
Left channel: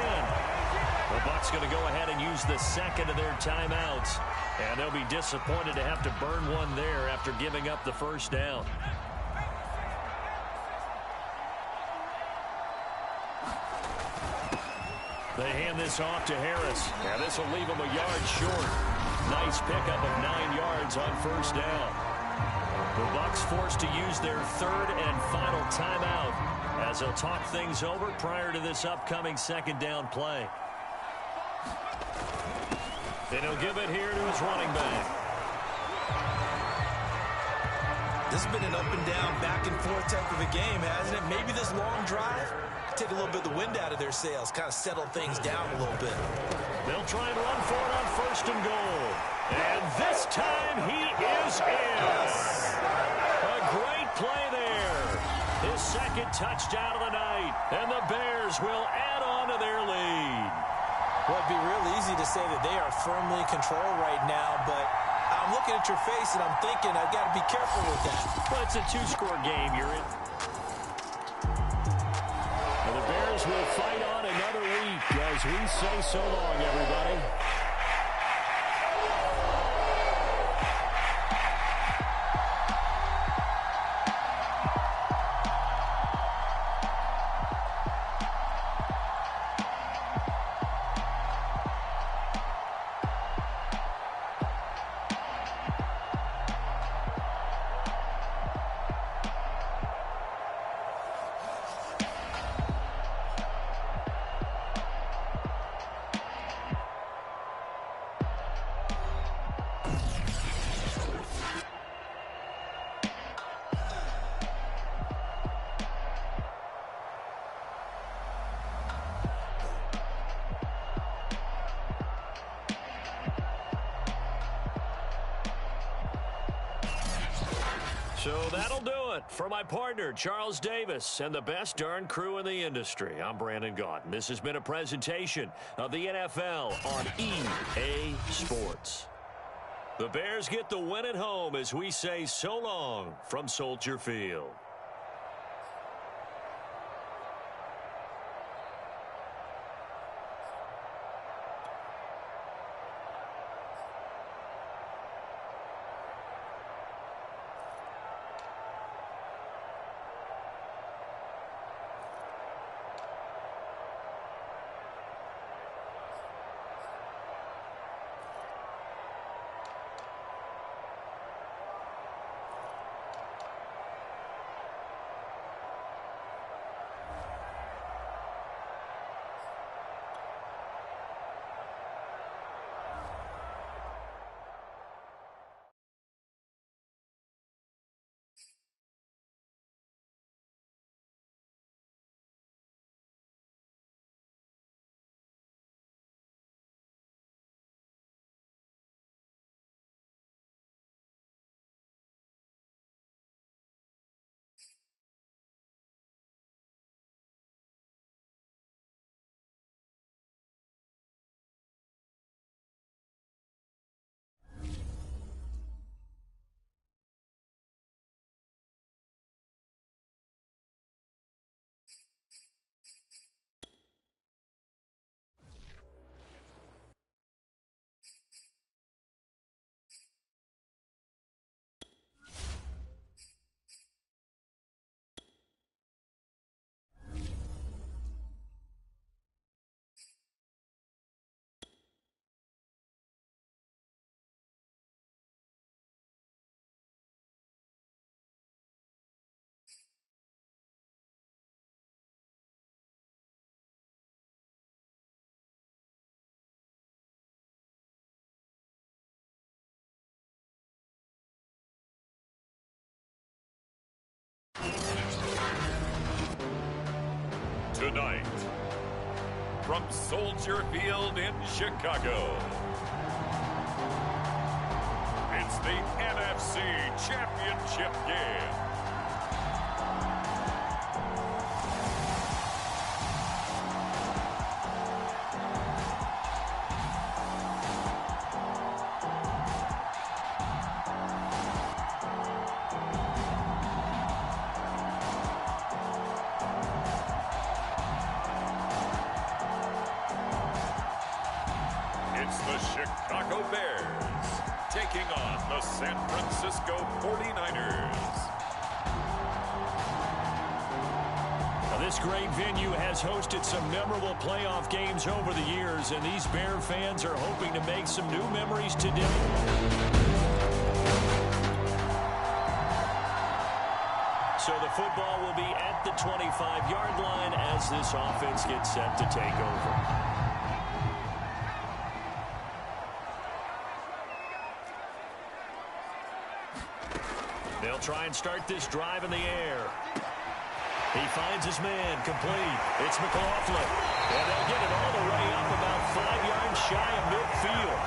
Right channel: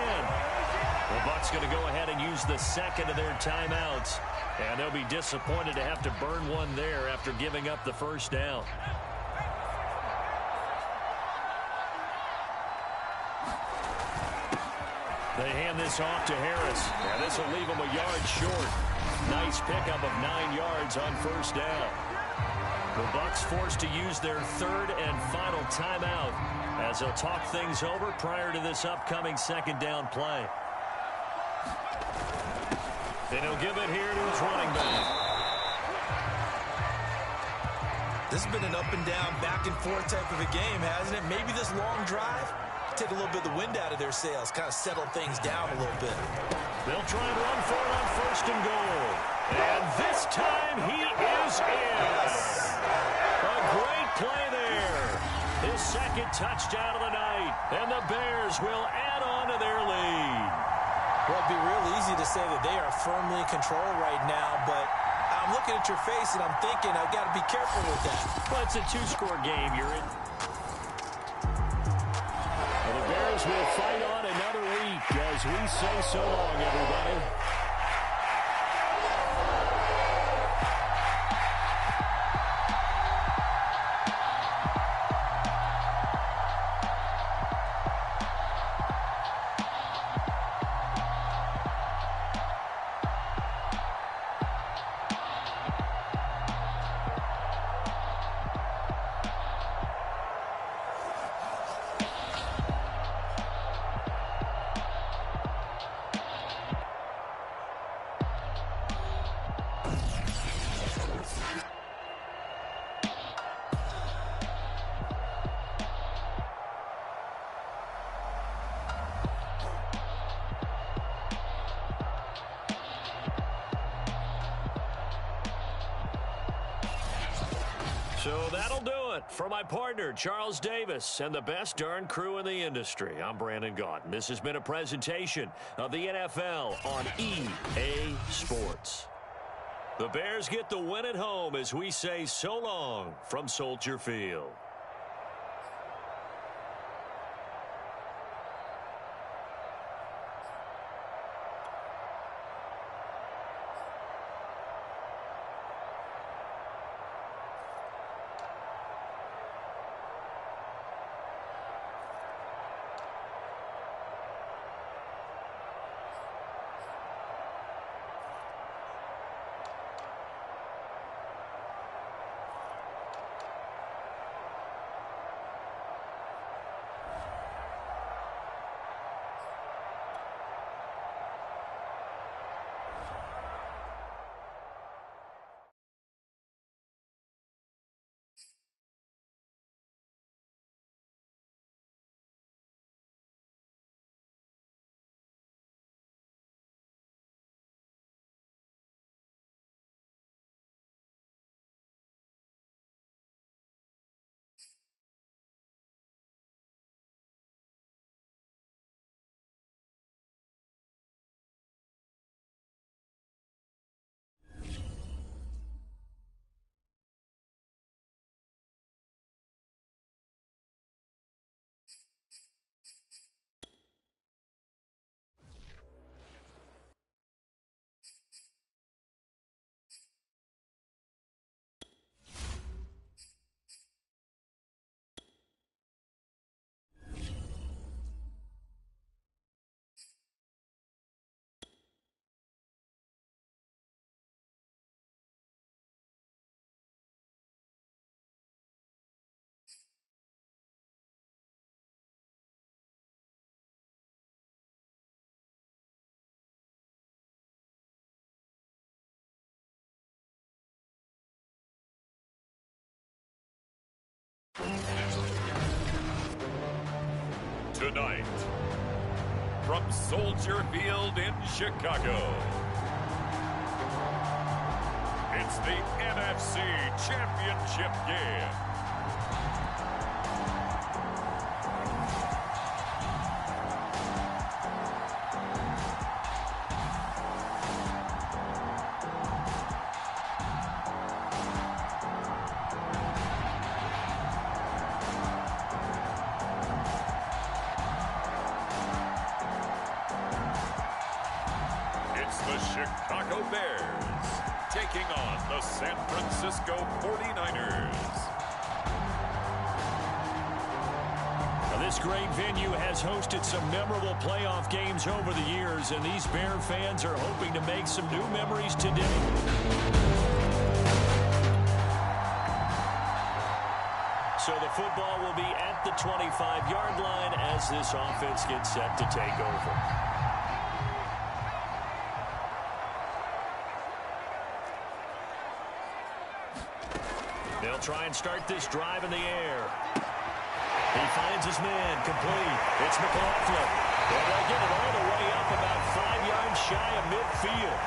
The Bucs going to go ahead and use the 2nd of their timeouts. And they'll be disappointed to have to burn one there after giving up the 1st down. They hand this off to Harris. And this will leave him a yard short. Nice pickup of 9 yards on 1st down. The Bucs forced to use their 3rd and final timeout as they'll talk things over prior to this upcoming 2nd down play. And he'll give it here to his running back. This has been an up and down, back and forth type of a game, hasn't it? Maybe this long drive take a little bit of the wind out of their sails, kind of settle things down a little bit. They'll try and run for it on 1st and goal. And this time he is in. Yes. A great play there. His 2nd touchdown of the night. And the Bears will add on to their lead. Well, it'd be real easy to say that they are firmly in control right now, but I'm looking at your face and I'm thinking I've got to be careful with that. Well, it's a 2-score game. You're in. And the Bears will fight on another week as we say so long, everybody. So that'll do it for my partner, Charles Davis, and the best darn crew in the industry. I'm Brandon Gaudin. This has been a presentation of the NFL on EA Sports. The Bears get the win at home as we say so long from Soldier Field. Tonight, from Soldier Field in Chicago, it's the NFC Championship game. It's the Chicago Bears taking on the San Francisco 49ers. Now, this great venue has hosted some memorable playoff games over the years, and these Bear fans are hoping to make some new memories today. So the football will be at the 25-yard line as this offense gets set to take over. They'll try and start this drive in the air. He finds his man, complete. It's McLaughlin. And they'll get it all the way up about 5 yards shy of midfield.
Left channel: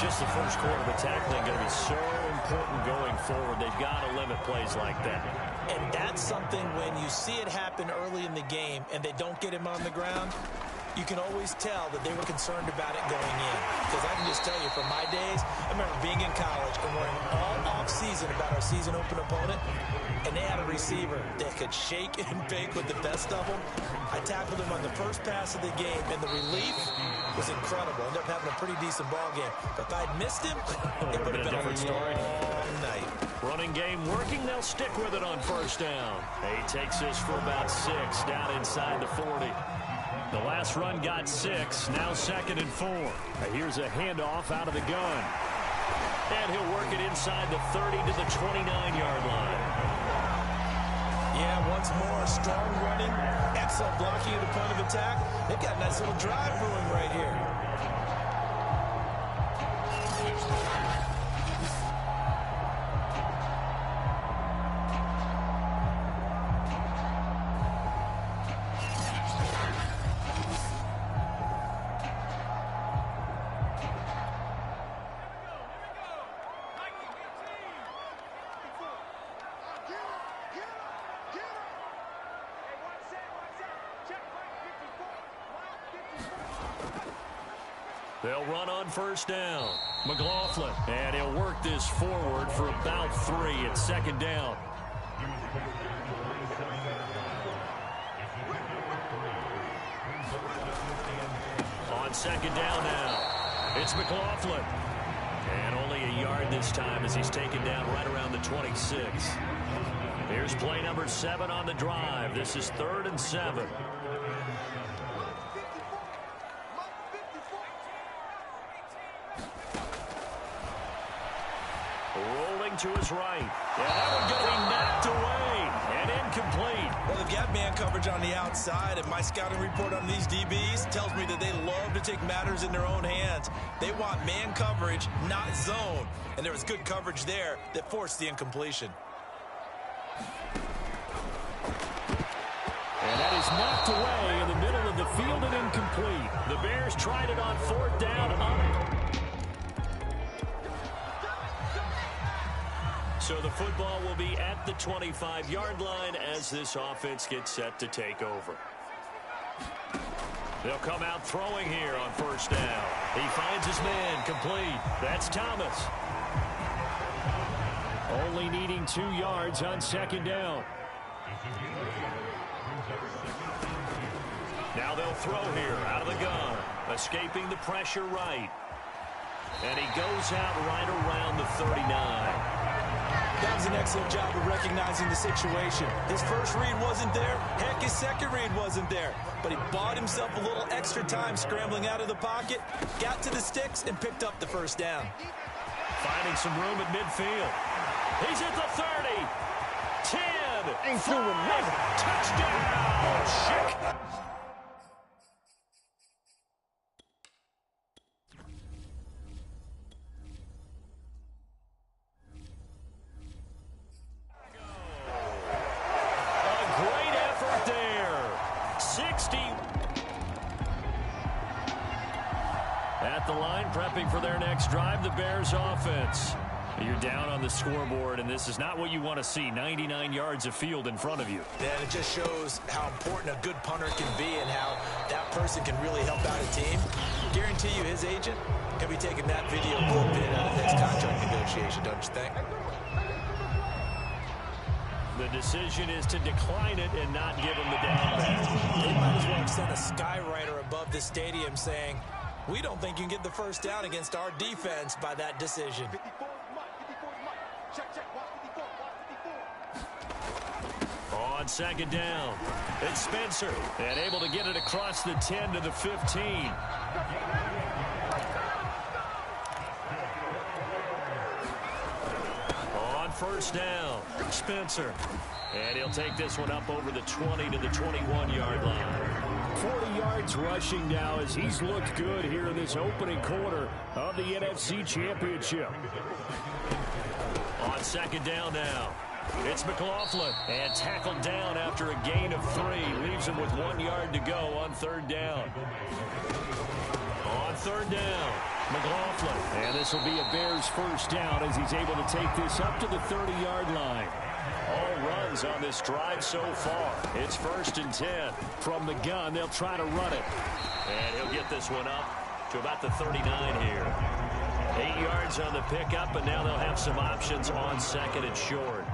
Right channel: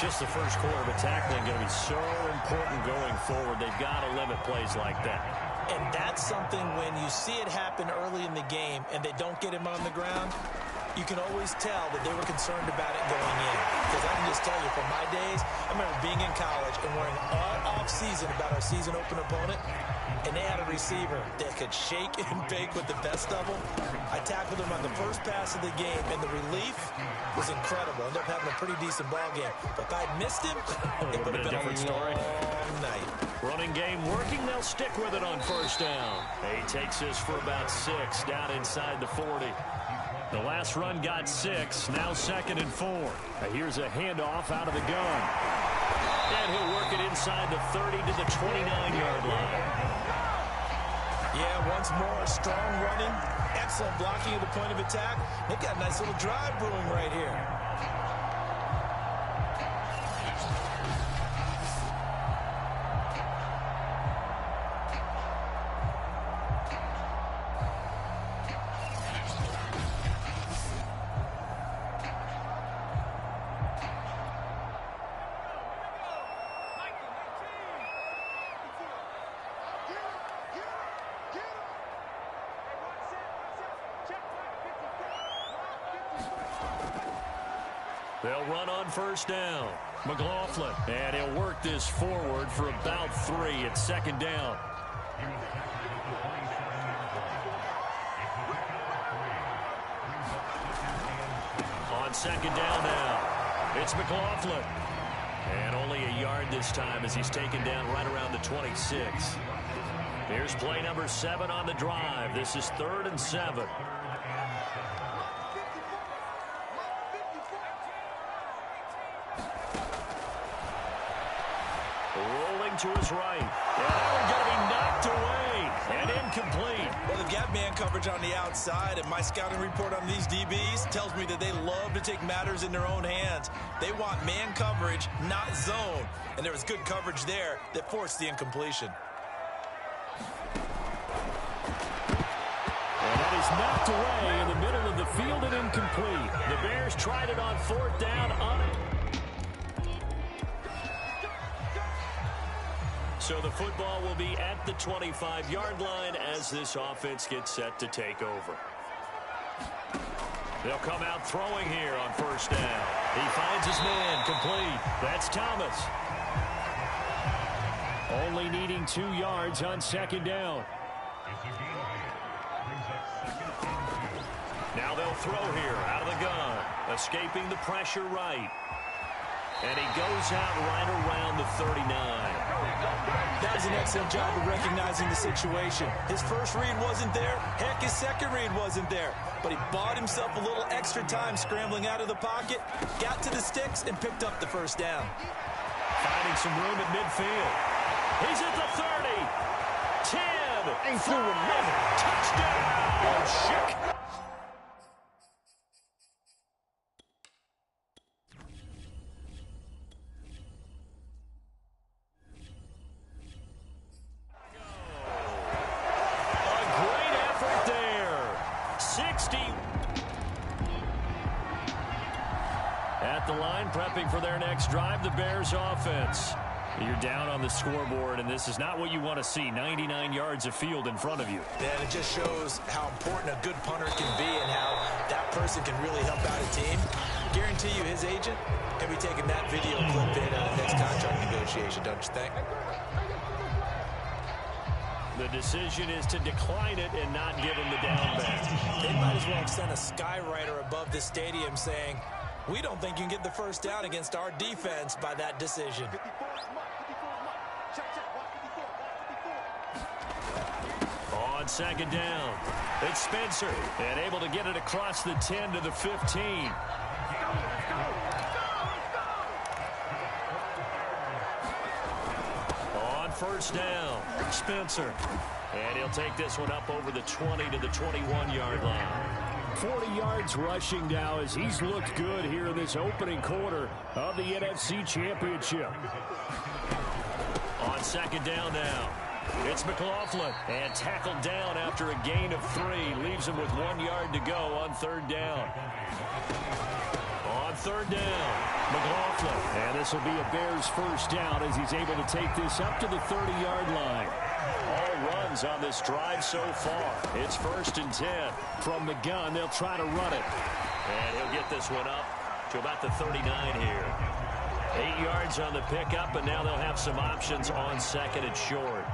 Just the first quarter, but tackling going to be so important going forward. They've got to limit plays like that. And that's something when you see it happen early in the game and they don't get him on the ground, you can always tell that they were concerned about it going in. Because I can just tell you from my days, I remember being in college and worrying all off-season about our season open opponent, and they had a receiver that could shake and bake with the best of them. I tackled him on the first pass of the game, and the relief was incredible. Ended up having a pretty decent ball game. But if I'd missed him, it would have been a different story. Long night. Running game working. They'll stick with it on first down. He takes this for about 6 down inside the 40. The last run got 6, now 2nd and 4. Here's a handoff out of the gun. And he'll work it inside the 30 to the 29-yard line. Yeah, once more, strong running, excellent blocking at the point of attack. They've got a nice little drive brewing right here. They'll run on first down. McLaughlin, and he'll work this forward for about 3. It's second down. On second down now, it's McLaughlin. And only a yard this time as he's taken down right around the 26. Here's play number 7 on the drive. This is 3rd and 7. Rolling to his right. And that one going to be knocked away and incomplete. Well, they've got man coverage on the outside, and my scouting report on these DBs tells me that they love to take matters in their own hands. They want man coverage, not zone. And there was good coverage there that forced the incompletion. And that is knocked away in the middle of the field and incomplete. The Bears tried it on 4th down on it. So the football will be at the 25-yard line as this offense gets set to take over. They'll come out throwing here on first down. He finds his man, complete. That's Thomas. Only needing 2 yards on second down. Now they'll throw here out of the gun. Escaping the pressure right. And he goes out right around the 39. That was an excellent job of recognizing the situation. His first read wasn't there. Heck, his second read wasn't there. But he bought himself a little extra time scrambling out of the pocket, got to the sticks, and picked up the first down. Finding some room at midfield. He's at the 30. 10. Ain't doing nothing. Touchdown, Schick. At the line, prepping for their next drive, the Bears offense. You're down on the scoreboard, and this is not what you want to see. 99 yards of field in front of you. And it just shows how important a good punter can be and how that person can really help out a team. Guarantee you his agent can be taking that video clip in the next contract negotiation, don't you think? The decision is to decline it and not give him the down back. They might as well have sent a skywriter above the stadium saying, we don't think you can get the first down against our defense by that decision. On second down, it's Spencer, and able to get it across the 10 to the 15. On first down, Spencer, and he'll take this one up over the 20 to the 21-yard line. 40 yards rushing now as he's looked good here in this opening quarter of the NFC Championship. On second down now, it's McLaughlin, and tackled down after a gain of 3. Leaves him with 1 yard to go on third down. On third down, McLaughlin, and this will be a Bears first down as he's able to take this up to the 30-yard line. All runs on this drive so far. It's 1st and 10. From the gun, they'll try to run it. And he'll get this one up to about the 39 here. 8 yards on the pickup, and now they'll have some options on second and short.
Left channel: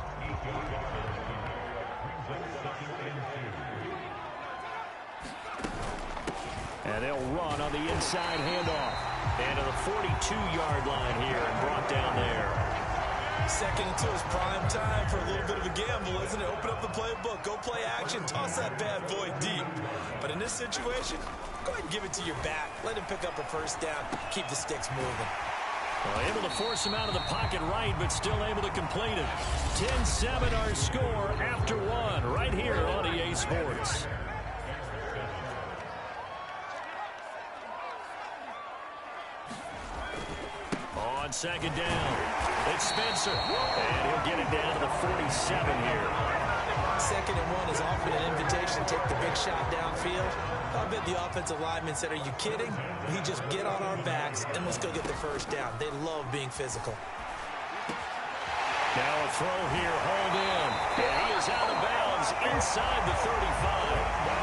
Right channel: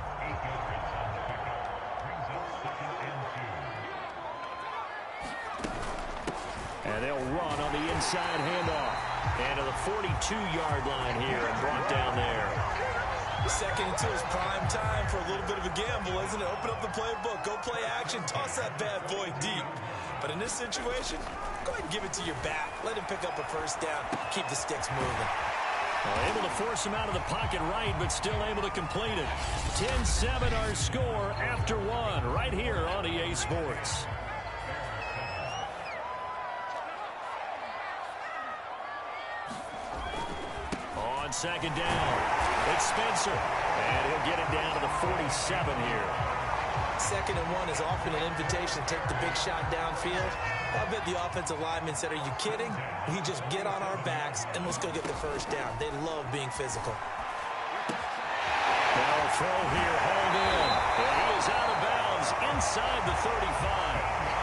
And they'll run on the inside handoff. And to the 42-yard line here and brought down there. 2nd and 2 is prime time for a little bit of a gamble, isn't it? Open up the playbook, go play action, toss that bad boy deep. But in this situation, go ahead and give it to your back. Let him pick up a first down, keep the sticks moving. Well, able to force him out of the pocket right, but still able to complete it. 10-7 our score after 1 right here on EA Sports. On second down, it's Spencer, and he'll get it down to the 47 here. 2nd and 1 is often an invitation to take the big shot downfield. I bet the offensive lineman said, are you kidding? We just get on our backs and let's go get the first down. They love being physical. Now a throw here, hauled in, and he is out of bounds inside the 35.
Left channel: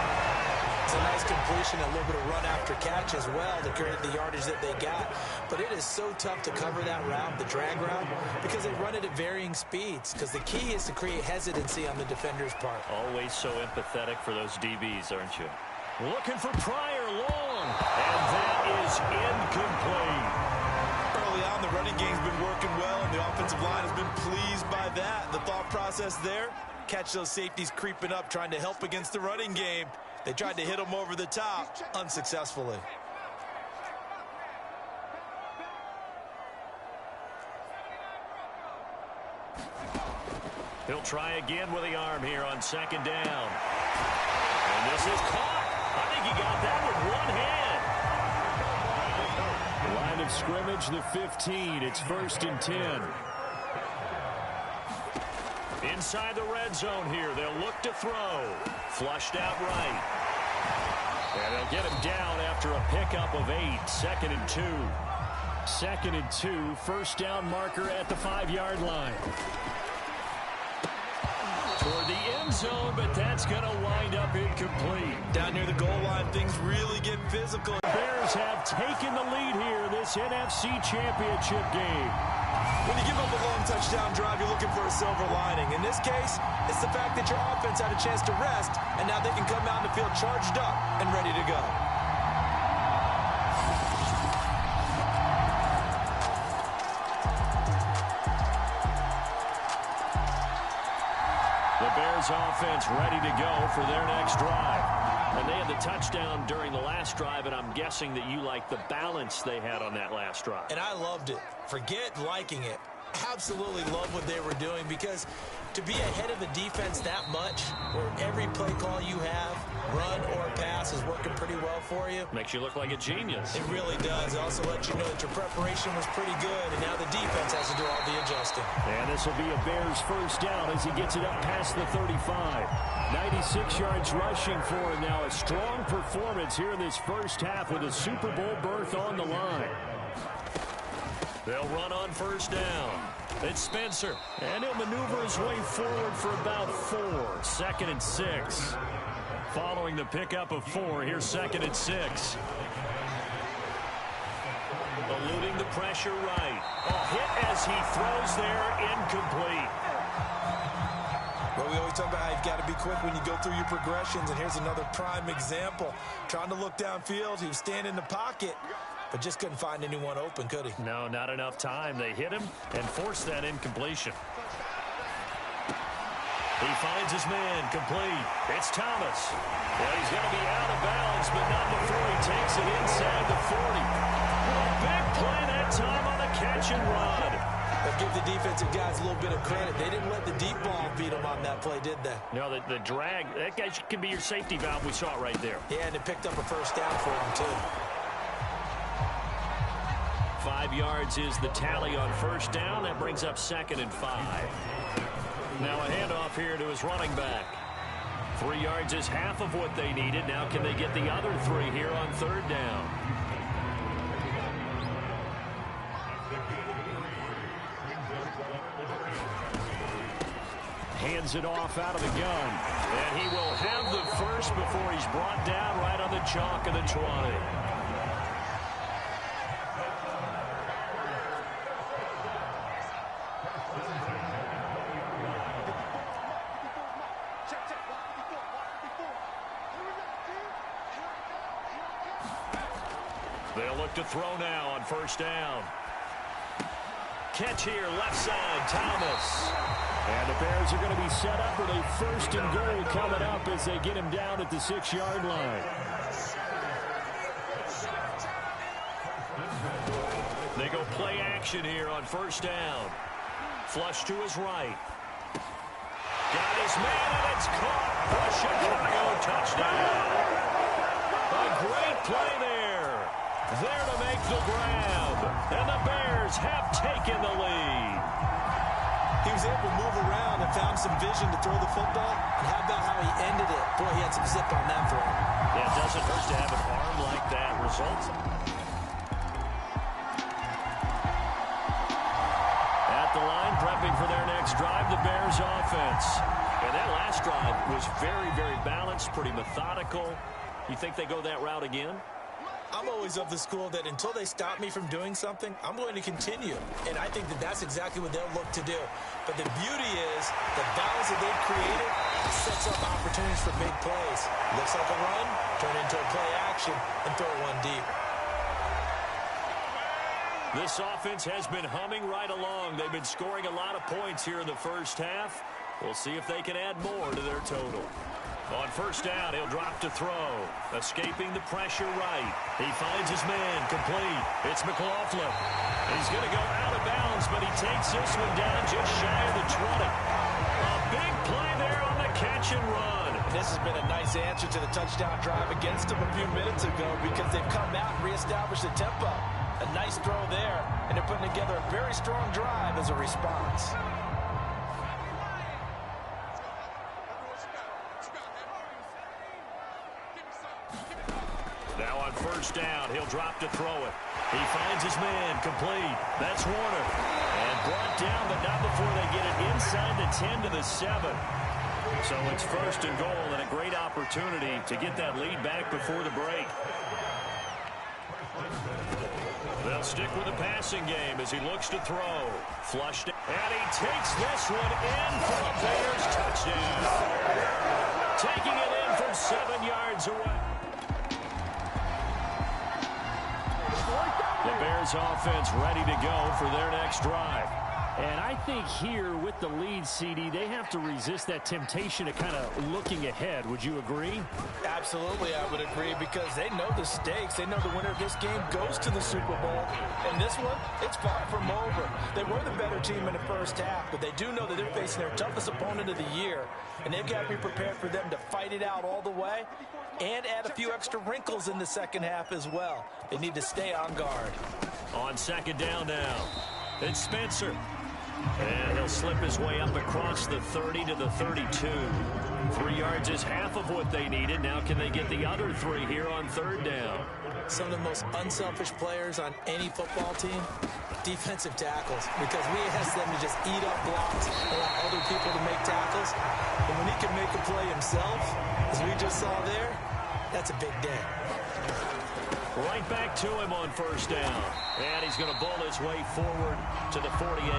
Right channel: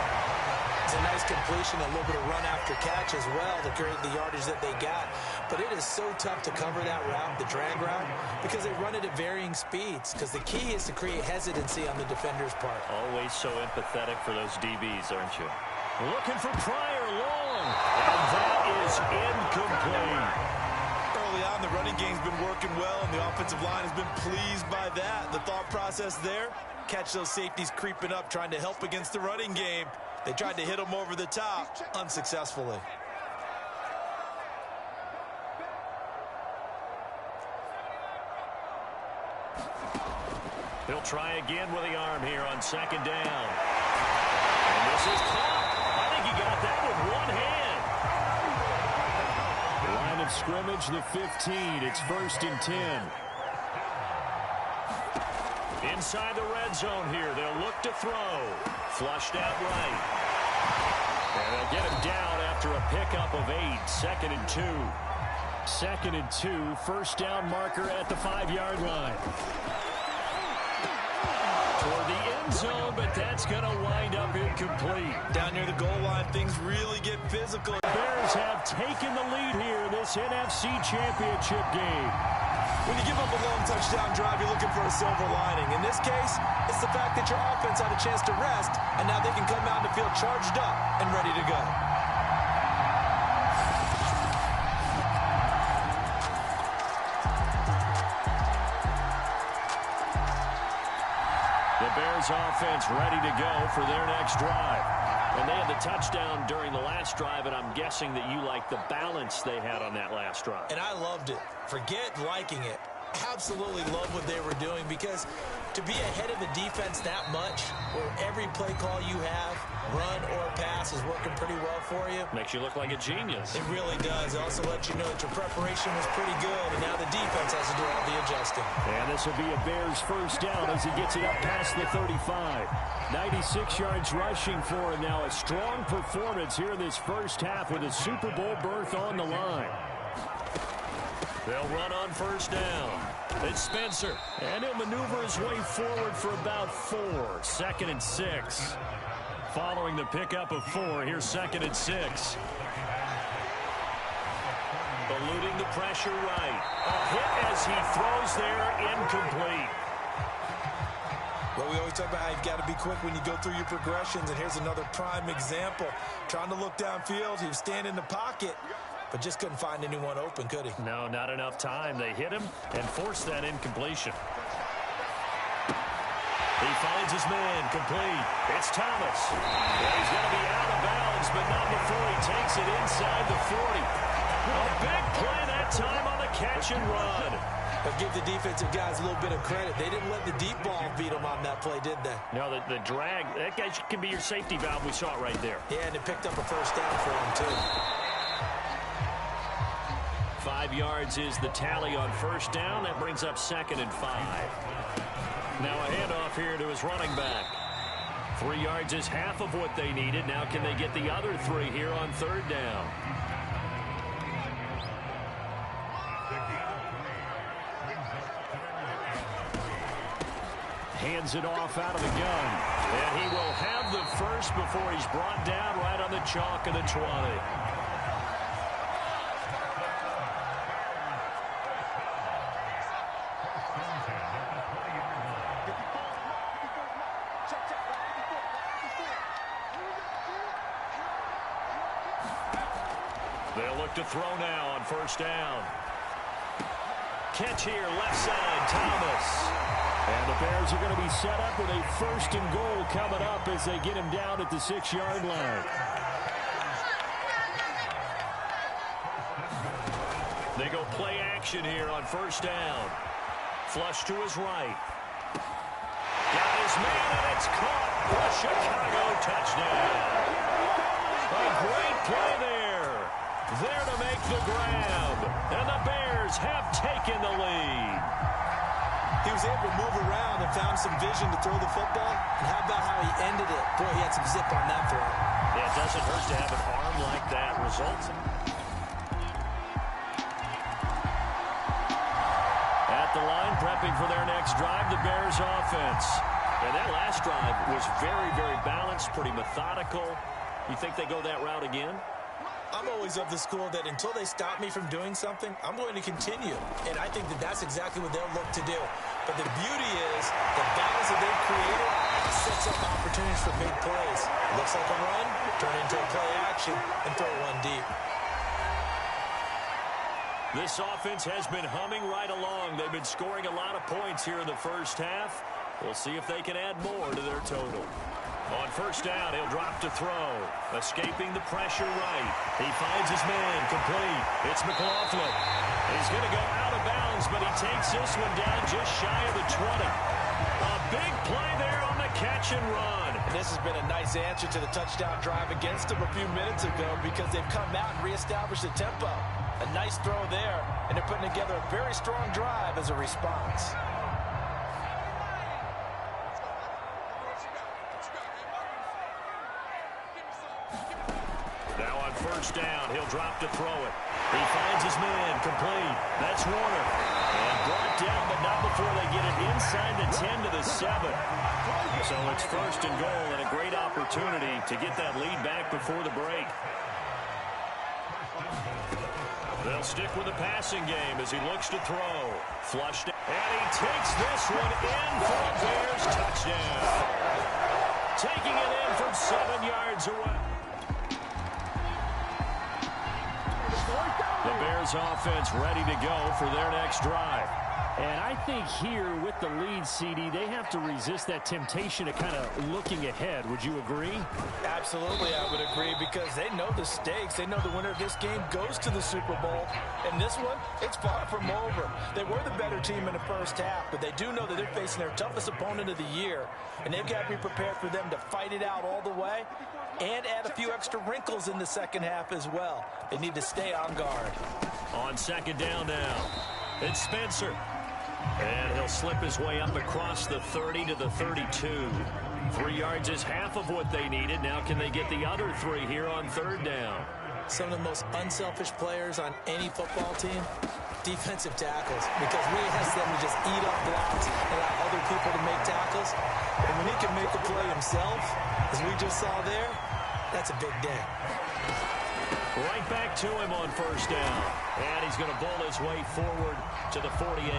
It's a nice completion, a little bit of run after catch as well to create the yardage that they got. But it is so tough to cover that route, the drag route, because they run it at varying speeds. Because the key is to create hesitancy on the defender's part. Always so empathetic for those DBs, aren't you? Looking for Pryor long, and that is incomplete. Early on, the running game's been working well, and the offensive line has been pleased by that. The thought process there, catch those safeties creeping up, trying to help against the running game. They tried to hit them over the top, unsuccessfully. He'll try again with the arm here on second down. And this is caught. I think he got that with one hand. Line of scrimmage, the 15. It's 1st and 10. Inside the red zone here. They'll look to throw. Flushed out right. And they'll get him down after a pickup of 8. 2nd and 2. 2nd and 2. First down marker at the 5-yard line. Toward the end zone, but that's going to wind up incomplete. Down near the goal line, things really get physical. The Bears have taken the lead here in this NFC Championship game. When you give up a long touchdown drive, you're looking for a silver lining. In this case, it's the fact that your offense had a chance to rest, and now they can come out in the field charged up and ready to go. The Bears offense ready to go for their next drive. And they had the touchdown during the last drive, and I'm guessing that you like the balance they had on that last drive. And I loved it. Forget liking it. Absolutely love what they were doing, because to be ahead of the defense that much, where every play call you have, run or pass, is working pretty well for you. Makes you look like a genius. It really does. It also lets you know that your preparation was pretty good, and now the defense has to do all the adjusting. And this will be a Bears first down as he gets it up past the 35. 96 yards rushing for him now. A strong performance here in this first half with a Super Bowl berth on the line. They'll run on first down. It's Spencer, and he'll maneuver his way forward for about 4. 2nd and 6. Following the pickup of 4, here's 2nd and 6. Eluding the pressure right. A hit as he throws there, incomplete. Well, we always talk about how you've got to be quick when you go through your progressions, and here's another prime example. Trying to look downfield, he was standing in the pocket, but just couldn't find anyone open, could he? No, not enough time. They hit him and forced that incompletion. He finds his man, complete. It's Thomas. Well, he's going to be out of bounds, but not before he takes it inside the 40. A big play that time on the catch and run. But give the defensive guys a little bit of credit. They didn't let the deep ball beat them on that play, did they? No, the drag, that guy can be your safety valve. We saw it right there. Yeah, and it picked up a first down for him, too. 5 yards is the tally on first down. That brings up 2nd and 5. Now a handoff here to his running back. 3 yards is half of what they needed. Now can they get the other 3 here on 3rd down? Hands it off out of the gun. And he will have the first before he's brought down right on the chalk of the 20. They'll look to throw now on first down. Catch here, left side, Thomas. And the Bears are going to be set up with a 1st and goal coming up as they get him down at the 6-yard line. They go play action here on first down. Flush to his right. Got his man, and it's caught for a Chicago touchdown. A great play there. There to make the grab. And the Bears have taken the lead. He was able to move around and found some vision to throw the football. And how about how he ended it? Boy, he had some zip on that throw. Yeah, it doesn't hurt to have an arm like that. Results. At the line, prepping for their next drive, the Bears offense. And that last drive was very, very balanced, pretty methodical. You think they go that route again? I'm always of the school that until they stop me from doing something, I'm going to continue. And I think that that's exactly what they'll look to do. But the beauty is the balance that they've created sets up opportunities for big plays. Looks like a run, turn into a play action, and throw one deep. This offense has been humming right along. They've been scoring a lot of points here in the first half. We'll see if they can add more to their total. On first down, he'll drop to throw. Escaping the pressure right. He finds his man, complete. It's McLaughlin. He's going to go out of bounds, but he takes this one down just shy of the 20. A big play there on the catch and run. And this has been a nice answer to the touchdown drive against them a few minutes ago because they've come out and reestablished the tempo. A nice throw there, and they're putting together a very strong drive as a response. Now on first down, he'll drop to throw it. He finds his man, complete. That's Warner. And brought down, but not before they get it inside the 10 to the 7. So it's first and goal and a great opportunity to get that lead back before the break. They'll stick with the passing game as he looks to throw. Flushed, and he takes this one in for a Bears touchdown. Taking it in from 7 yards away. The Bears offense ready to go for their next drive. And I think here with the lead, CD, they have to resist that temptation of kind of looking ahead. Would you agree? Absolutely, I would agree, because they know the stakes. They know the winner of this game goes to the Super Bowl. And this one, it's far from over. They were the better team in the first half, but they do know that they're facing their toughest opponent of the year. And they've got to be prepared for them to fight it out all the way and add a few extra wrinkles in the second half as well. They need to stay on guard. On second down now, it's Spencer. And he'll slip his way up across the 30 to the 32. 3 yards is half of what they needed. Now can they get the other 3 here on third down? Some of the most unselfish players on any football team, defensive tackles, because we ask them to just eat up blocks, allow other people to make tackles. And when he can make a play himself, as we just saw there, that's a big day. Right back to him on first down. And he's going to bowl his way forward to the 48.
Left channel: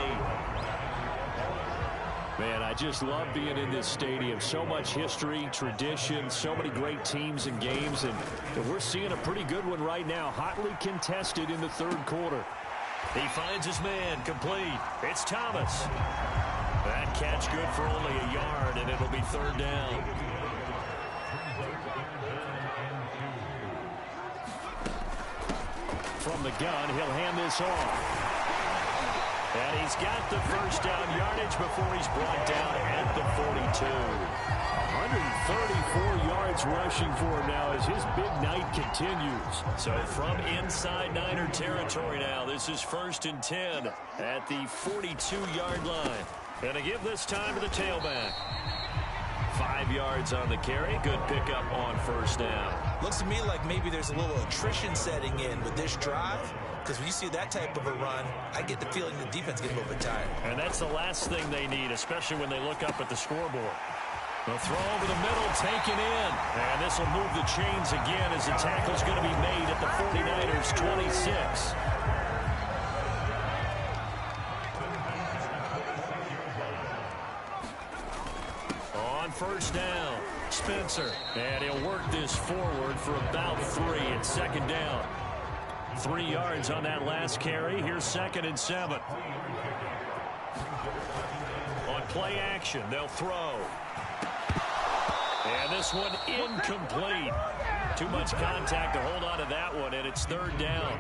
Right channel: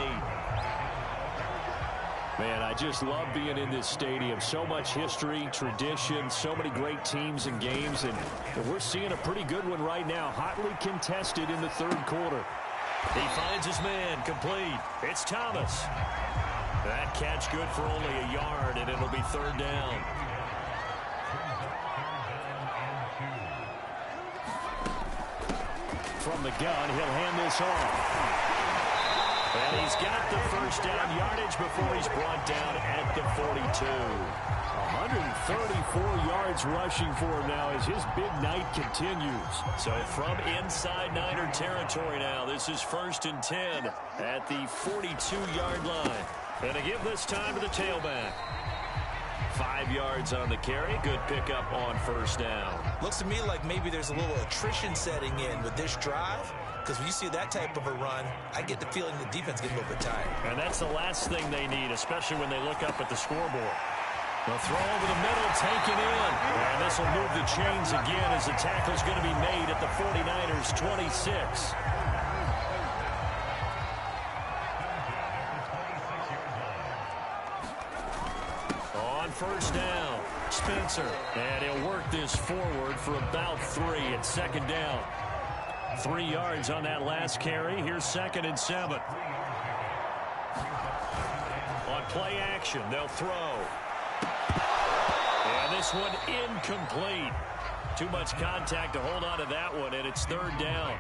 Man, I just love being in this stadium. So much history, tradition, so many great teams and games. And we're seeing a pretty good one right now. Hotly contested in the third quarter. He finds his man, complete. It's Thomas. That catch good for only a yard, and it'll be third down. From the gun, he'll hand this off. And he's got the first down yardage before he's brought down at the 42. 134 yards rushing for him now as his big night continues. So from inside Niner territory now, this is first and 10 at the 42-yard line. And to give this time to the tailback. 5 yards on the carry. Good pickup on first down. Looks to me like maybe there's a little attrition setting in with this drive, because when you see that type of a run, I get the feeling the defense gets a little bit tired. And that's the last thing they need, especially when they look up at the scoreboard. The throw over the middle, taken in. And this will move the chains again as the tackle's going to be made at the 49ers' 26. On first down, Spencer. And he'll work this forward for about 3 at second down. 3 yards on that last carry. Here's second and 7. On play action, they'll throw. And this one incomplete. Too much contact to hold on to that one, and it's third down.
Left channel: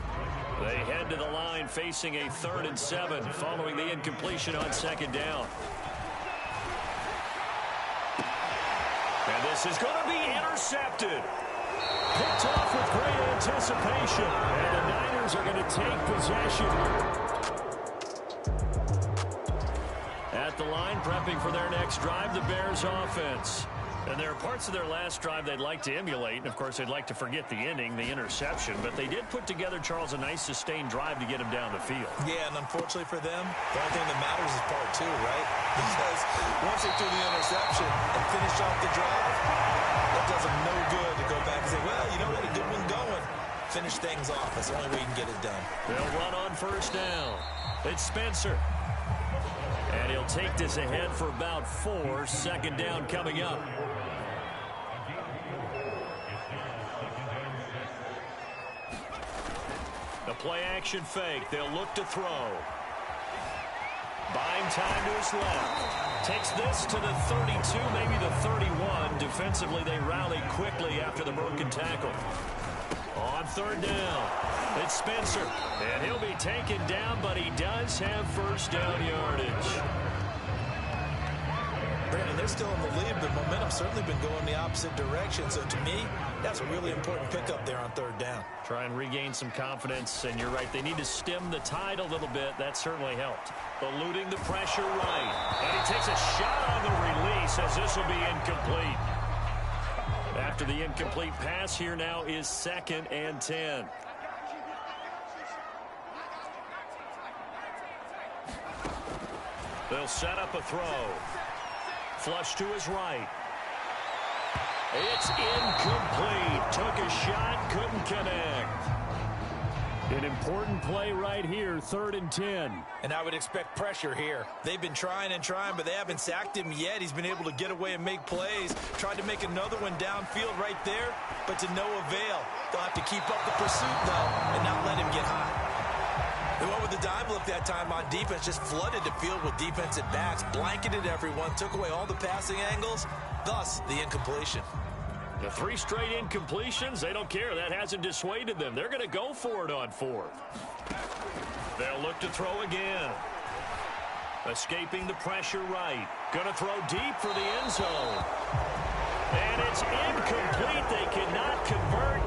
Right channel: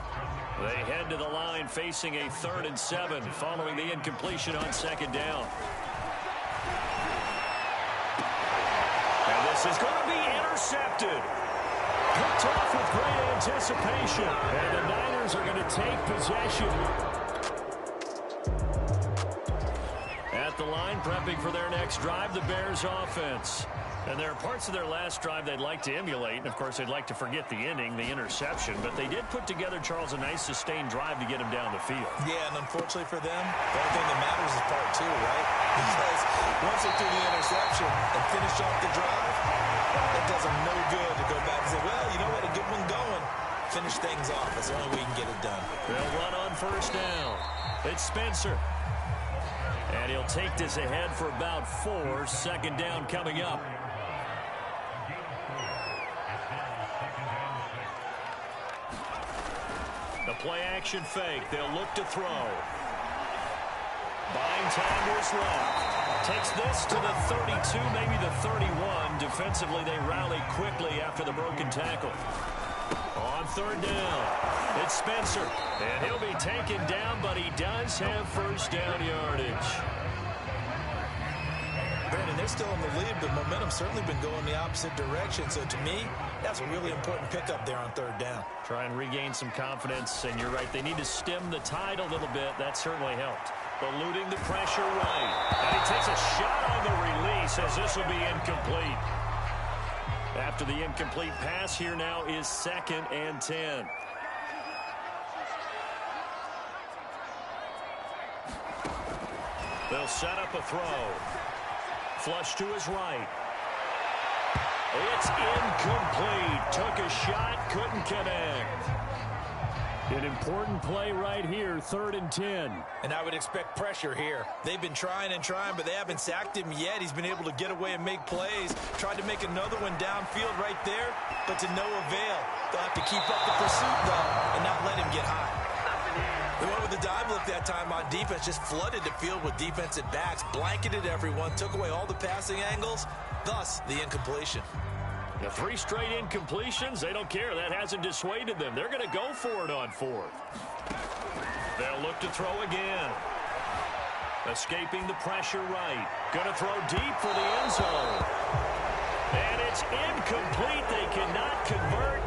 They head to the line facing a 3rd and 7 following the incompletion on second down. And this is going to be intercepted. Picked off with great anticipation. And the Niners are going to take possession. At the line, prepping for their next drive, the Bears offense. And there are parts of their last drive they'd like to emulate. And, of course, they'd like to forget the ending, the interception. But they did put together, Charles, a nice sustained drive to get him down the field. Yeah, and unfortunately for them, the only thing that matters is part 2, right? Because once they threw the interception and finished off the drive, That does them no good to go back and say, well, you know, we had a good one going. Finish things off. That's the only way you can get it done. They'll run on first down. It's Spencer. And he'll take this ahead for about 4. Second down coming up. The play action fake. They'll look to throw. Buying time to his left. Takes this to the 32, maybe the 31. Defensively, they rally quickly after the broken tackle. On third down, it's Spencer. And he'll be taken down, but he does have first down yardage. Brandon, they're still in the lead, but momentum's certainly been going the opposite direction. So to me, that's a really important pickup there on third down. Try and regain some confidence, and you're right. They need to stem the tide a little bit. That certainly helped. Eluding the pressure right. And he takes a shot on the release as this will be incomplete. After the incomplete pass, here now is 2nd and 10. They'll set up a throw. Flush to his right. It's incomplete. Took a shot, couldn't connect. An important play right here, 3rd and 10. And I would expect pressure here. They've been trying and trying, but they haven't sacked him yet. He's been able to get away and make plays. Tried to make another one downfield right there, but to no avail. They'll have to keep up the pursuit, though, and not let him get hot. They went with the dive look that time on defense, just flooded the field with defensive backs, blanketed everyone, took away all the passing angles, thus the incompletion. The 3 straight incompletions, they don't care. That hasn't dissuaded them. They're going to go for it on 4th. They'll look to throw again. Escaping the pressure right. Going to throw deep for the end zone. And it's incomplete. They cannot convert.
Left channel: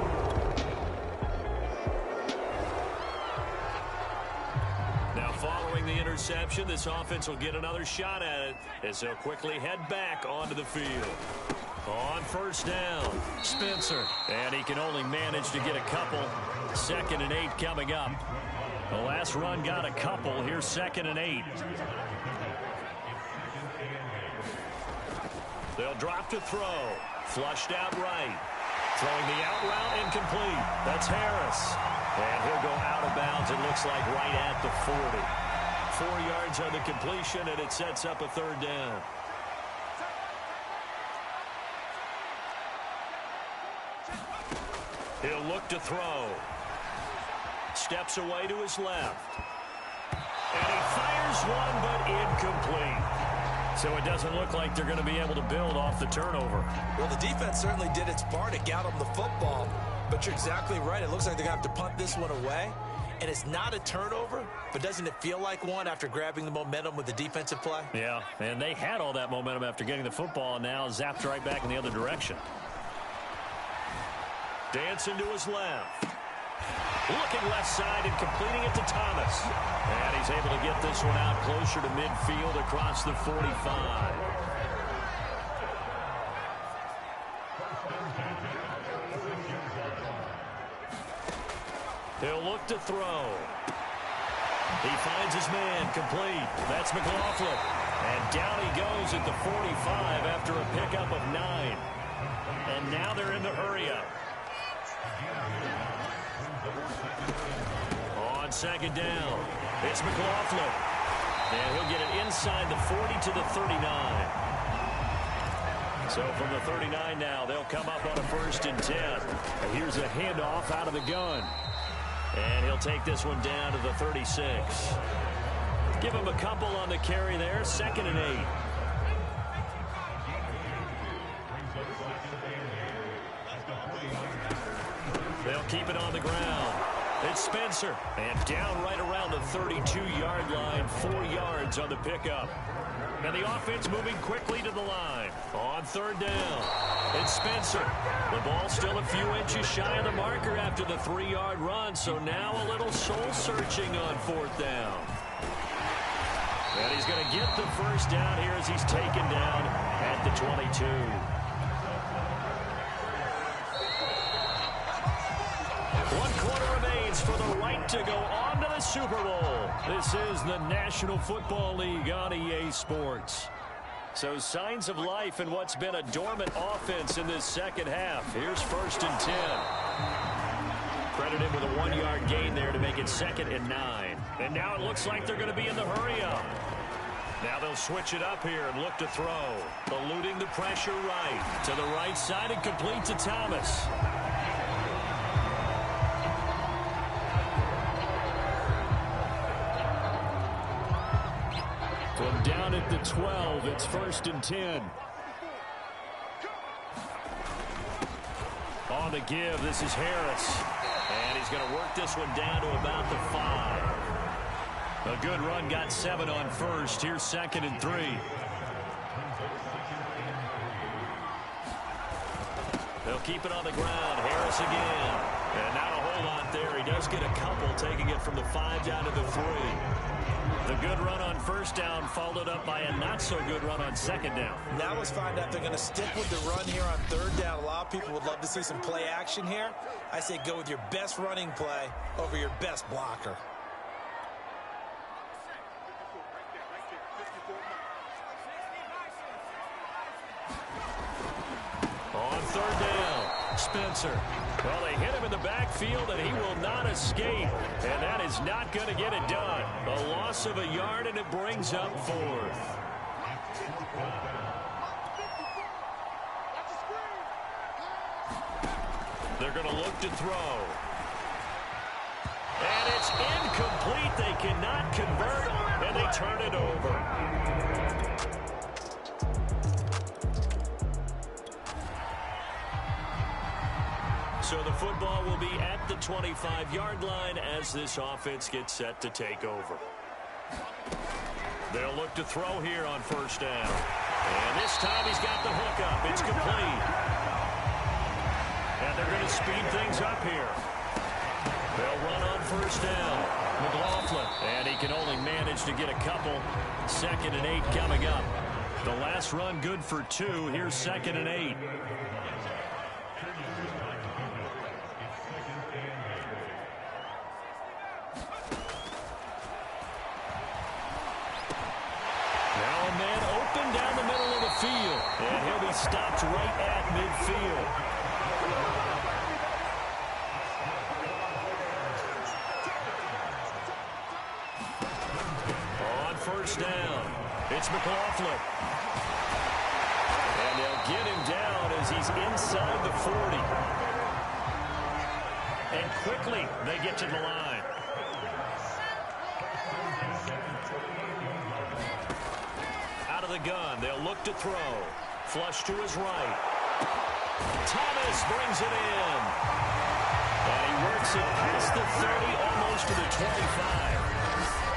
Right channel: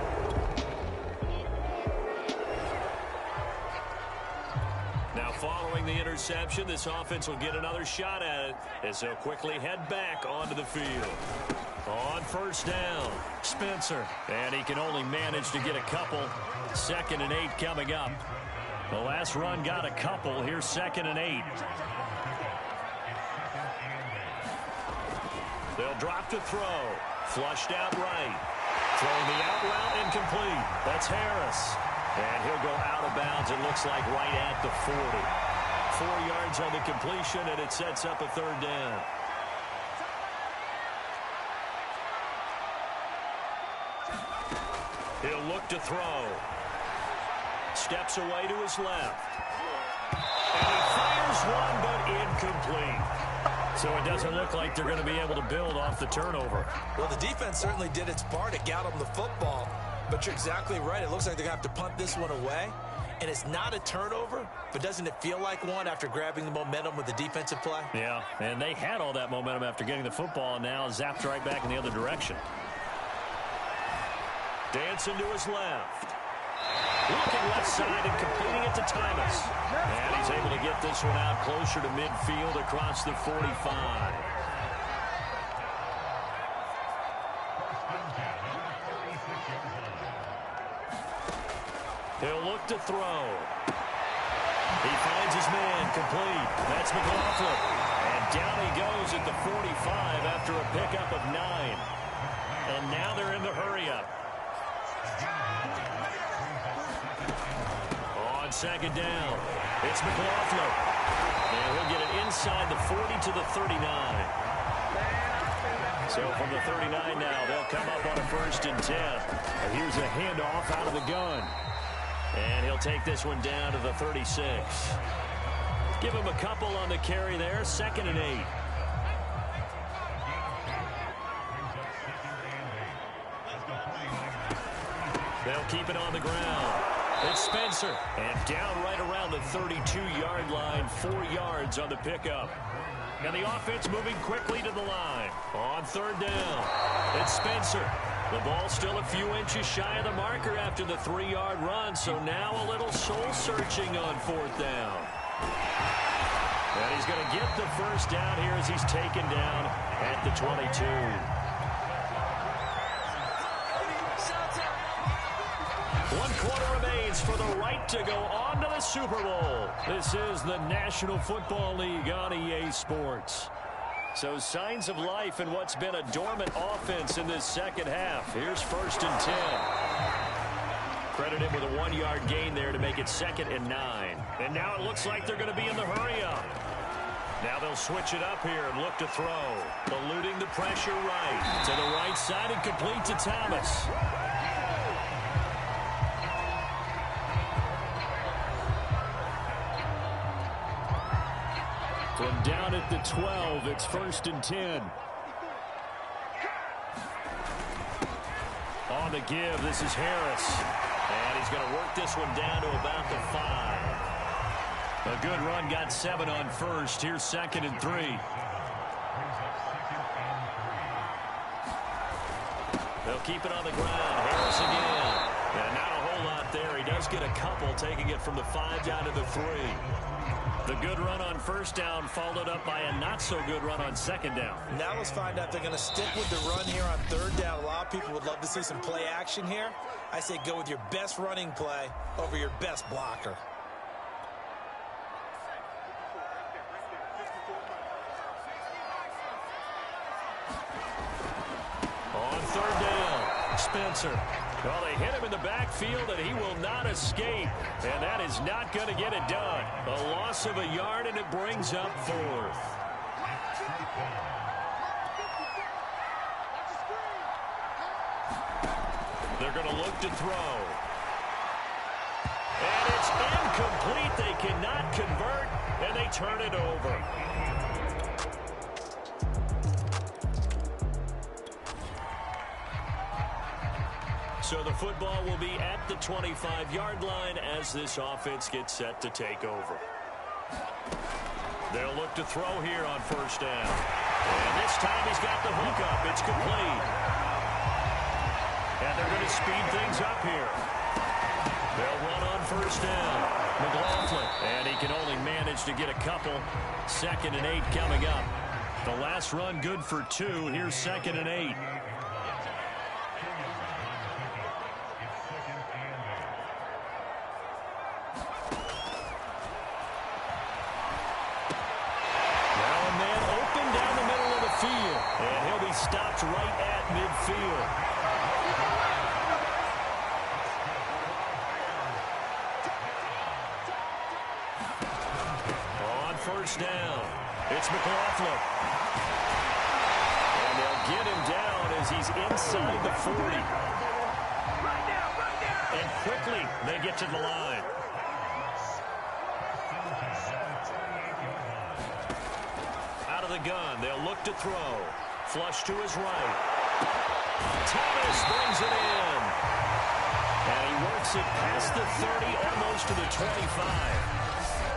Now following the interception, this offense will get another shot at it as they'll quickly head back onto the field. On first down, Spencer. And he can only manage to get a couple. 2nd and 8 coming up. The last run got a couple. Here's 2nd and 8. They'll drop to throw. Flushed out right. Throwing the out route incomplete. That's Harris. And he'll go out of bounds, it looks like, right at the 40. 4 yards on the completion, and it sets up a 3rd down. He'll look to throw. Steps away to his left. And he fires one, but incomplete. So it doesn't look like they're going to be able to build off the turnover. Well, the defense certainly did its part to get them the football. But you're exactly right. It looks like they're going to have to punt this one away. And it's not a turnover, but doesn't it feel like one after grabbing the momentum with the defensive play? Yeah, and they had all that momentum after getting the football, and now zapped right back in the other direction. Dancing to his left. Looking left side and completing it to Thomas. And he's able to get this one out closer to midfield across the 45. He'll look to throw. He finds his man complete. That's McLaughlin. And down he goes at the 45 after a pickup of 9. And now they're in the hurry-up. On 2nd down, it's McLaughlin. And he'll get it inside the 40 to the 39. So from the 39 now, they'll come up on a 1st and 10. And here's a handoff out of the gun. And he'll take this one down to the 36. Give him a couple on the carry there. 2nd and 8. They'll keep it on the ground. It's Spencer. And down right around the 32-yard line. 4 yards on the pickup. And the offense moving quickly to the line. On 3rd down, it's Spencer. The ball still a few inches shy of the marker after the 3-yard run. So now a little soul-searching on 4th down. And he's going to get the first down here as he's taken down at the 22. One quarter remains for the right to go on to the Super Bowl. This is the National Football League on EA Sports. So signs of life in what's been a dormant offense in this second half. Here's 1st and 10. Credit him with a 1-yard gain there to make it 2nd and 9. And now it looks like they're going to be in the hurry-up. Now they'll switch it up here and look to throw. Eluding the pressure right. To the right side and complete to Thomas. From down at the 12, it's 1st and 10. On the give, this is Harris. And he's going to work this one down to about the 5. A good run, got 7 on 1st. Here's 2nd and 3. They'll keep it on the ground. Harris again. And not a whole lot there. He does get a couple, taking it from the 5 down to the 3. The good run on 1st down followed up by a not-so-good run on 2nd down. Now let's find out if they're going to stick with the run here on 3rd down. A lot of people would love to see some play action here. I say go with your best running play over your best blocker. On 3rd down, Spencer. Well, they hit him in the backfield, and he will not escape. And that is not going to get it done. A loss of a yard, and it brings up 4th. They're going to look to throw. And it's incomplete. They cannot convert, and they turn it over. So the football will be at the 25-yard line as this offense gets set to take over. They'll look to throw here on 1st down. And this time he's got the hook up. It's complete. And they're going to speed things up here. They'll run on 1st down. McLaughlin. And he can only manage to get a couple. 2nd and 8 coming up. The last run good for 2. Here's 2nd and 8. And he'll be stopped right at midfield. On 1st down, it's McLaughlin. And they'll get him down as he's inside the 40. And quickly they get to the line. Out of the gun, they'll look to throw. Flush to his right. Thomas brings it in. And he works it past the 30, almost to the 25.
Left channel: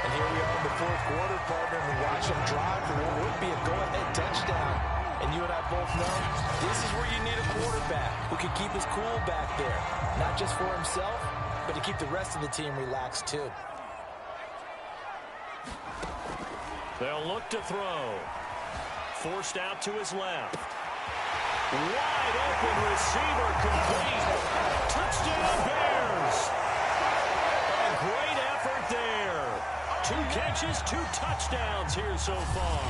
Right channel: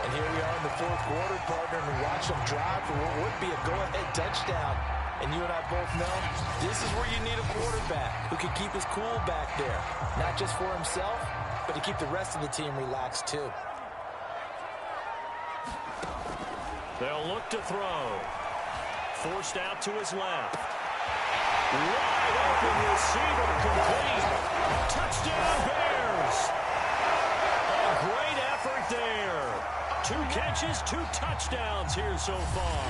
And here we are in the 4th quarter, partner, and watch them drive for what would be a go-ahead touchdown. And you and I both know this is where you need a quarterback who can keep his cool back there. Not just for himself, but to keep the rest of the team relaxed too. They'll look to throw. Forced out to his left. Wide open receiver, complete. Touchdown Bears. A great effort there. 2 catches, 2 touchdowns here so far.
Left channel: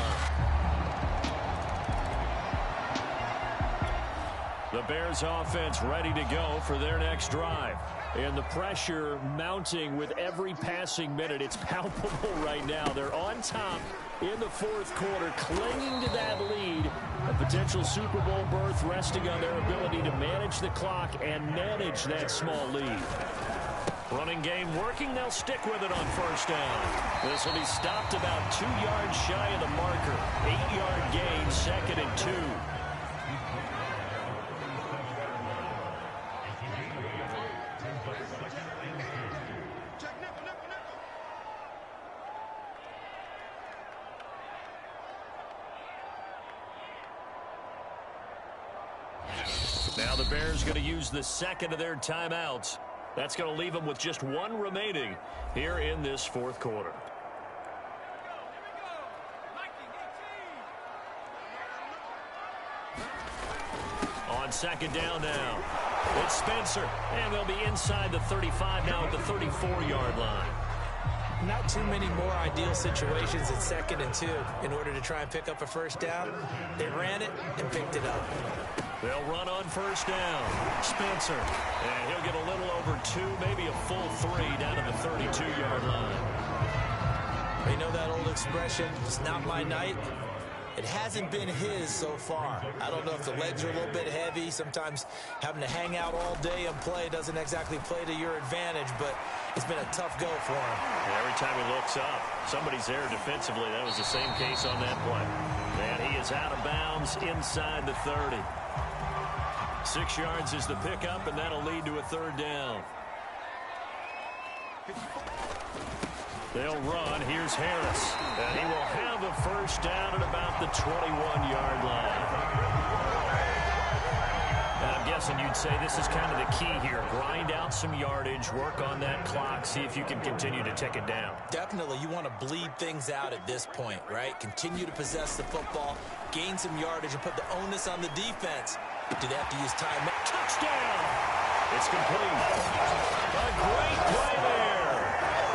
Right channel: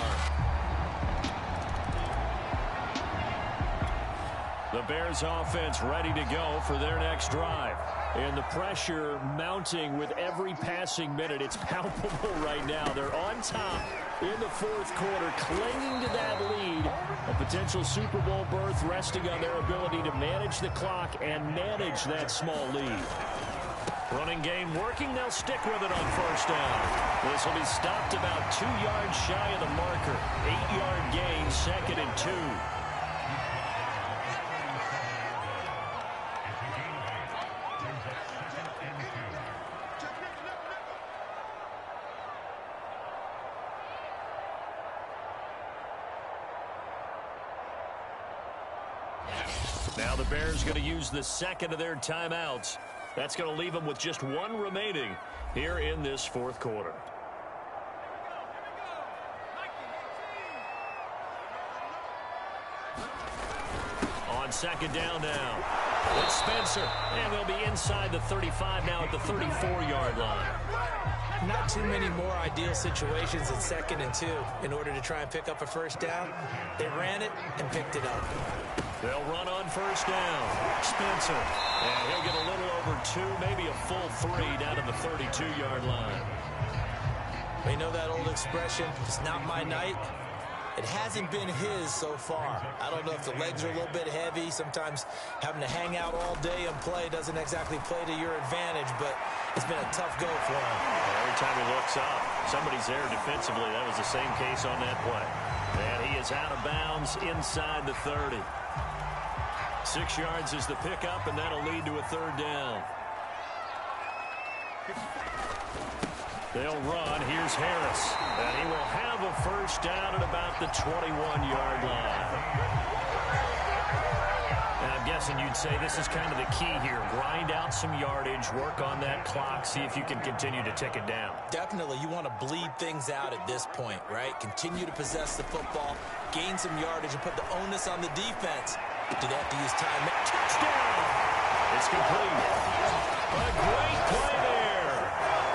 The Bears offense ready to go for their next drive. And the pressure mounting with every passing minute. It's palpable right now. They're on top in the 4th quarter, clinging to that lead. A potential Super Bowl berth resting on their ability to manage the clock and manage that small lead. Running game working. They'll stick with it on 1st down. This will be stopped about 2 yards shy of the marker. 8-yard gain, 2nd and 2. Now the Bears going to use the 2nd of their timeouts. That's going to leave them with just 1 remaining here in this 4th quarter. On 2nd down now, it's Spencer. And they'll be inside the 35 now at the 34-yard line. Not too many more ideal situations in 2nd and 2 in order to try and pick up a first down. They ran it and picked it up. They'll run on first down. Spencer. And he'll get a little over 2, maybe a full 3 down to the 32-yard line. You know that old expression, it's not my night? It hasn't been his so far. I don't know if the legs are a little bit heavy. Sometimes having to hang out all day and play doesn't exactly play to your advantage, but it's been a tough go for him. Every time he looks up, somebody's there defensively. That was the same case on that play. And he is out of bounds inside the 30. 6 yards is the pickup, and that'll lead to a 3rd down. They'll run. Here's Harris. And he will have a first down at about the 21-yard line. Now, I'm guessing you'd say this is kind of the key here. Grind out some yardage, work on that clock, see if you can continue to tick it down. Definitely. You want to bleed things out at this point, right? Continue to possess the football, gain some yardage, and put the onus on the defense. Do they have to use time? Touchdown! It's complete. A great play there.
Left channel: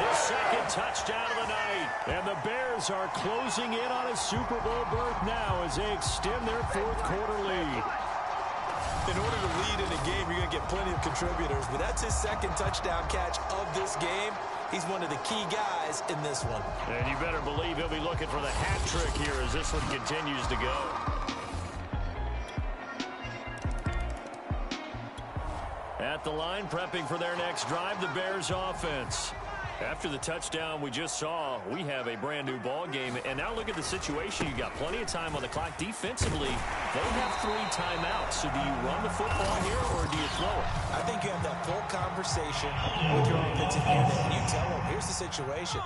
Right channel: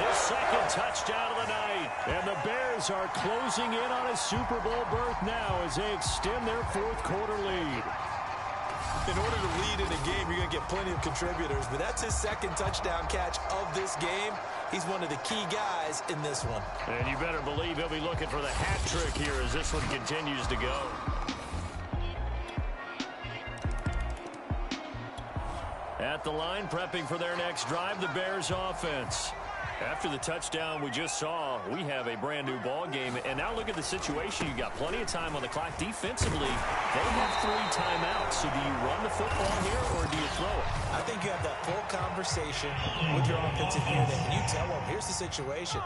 His 2nd touchdown of the night. And the Bears are closing in on a Super Bowl berth now as they extend their 4th quarter lead. In order to lead in a game, you're going to get plenty of contributors, but that's his 2nd touchdown catch of this game. He's one of the key guys in this one. And you better believe he'll be looking for the hat trick here as this one continues to go. At the line, prepping for their next drive, the Bears offense. After the touchdown we just saw, we have a brand-new ball game. And now look at the situation. You got plenty of time on the clock. Defensively, they have 3 timeouts. So do you run the football here or do you throw it? I think you have that full conversation with your offensive unit, and you tell them, here's the situation.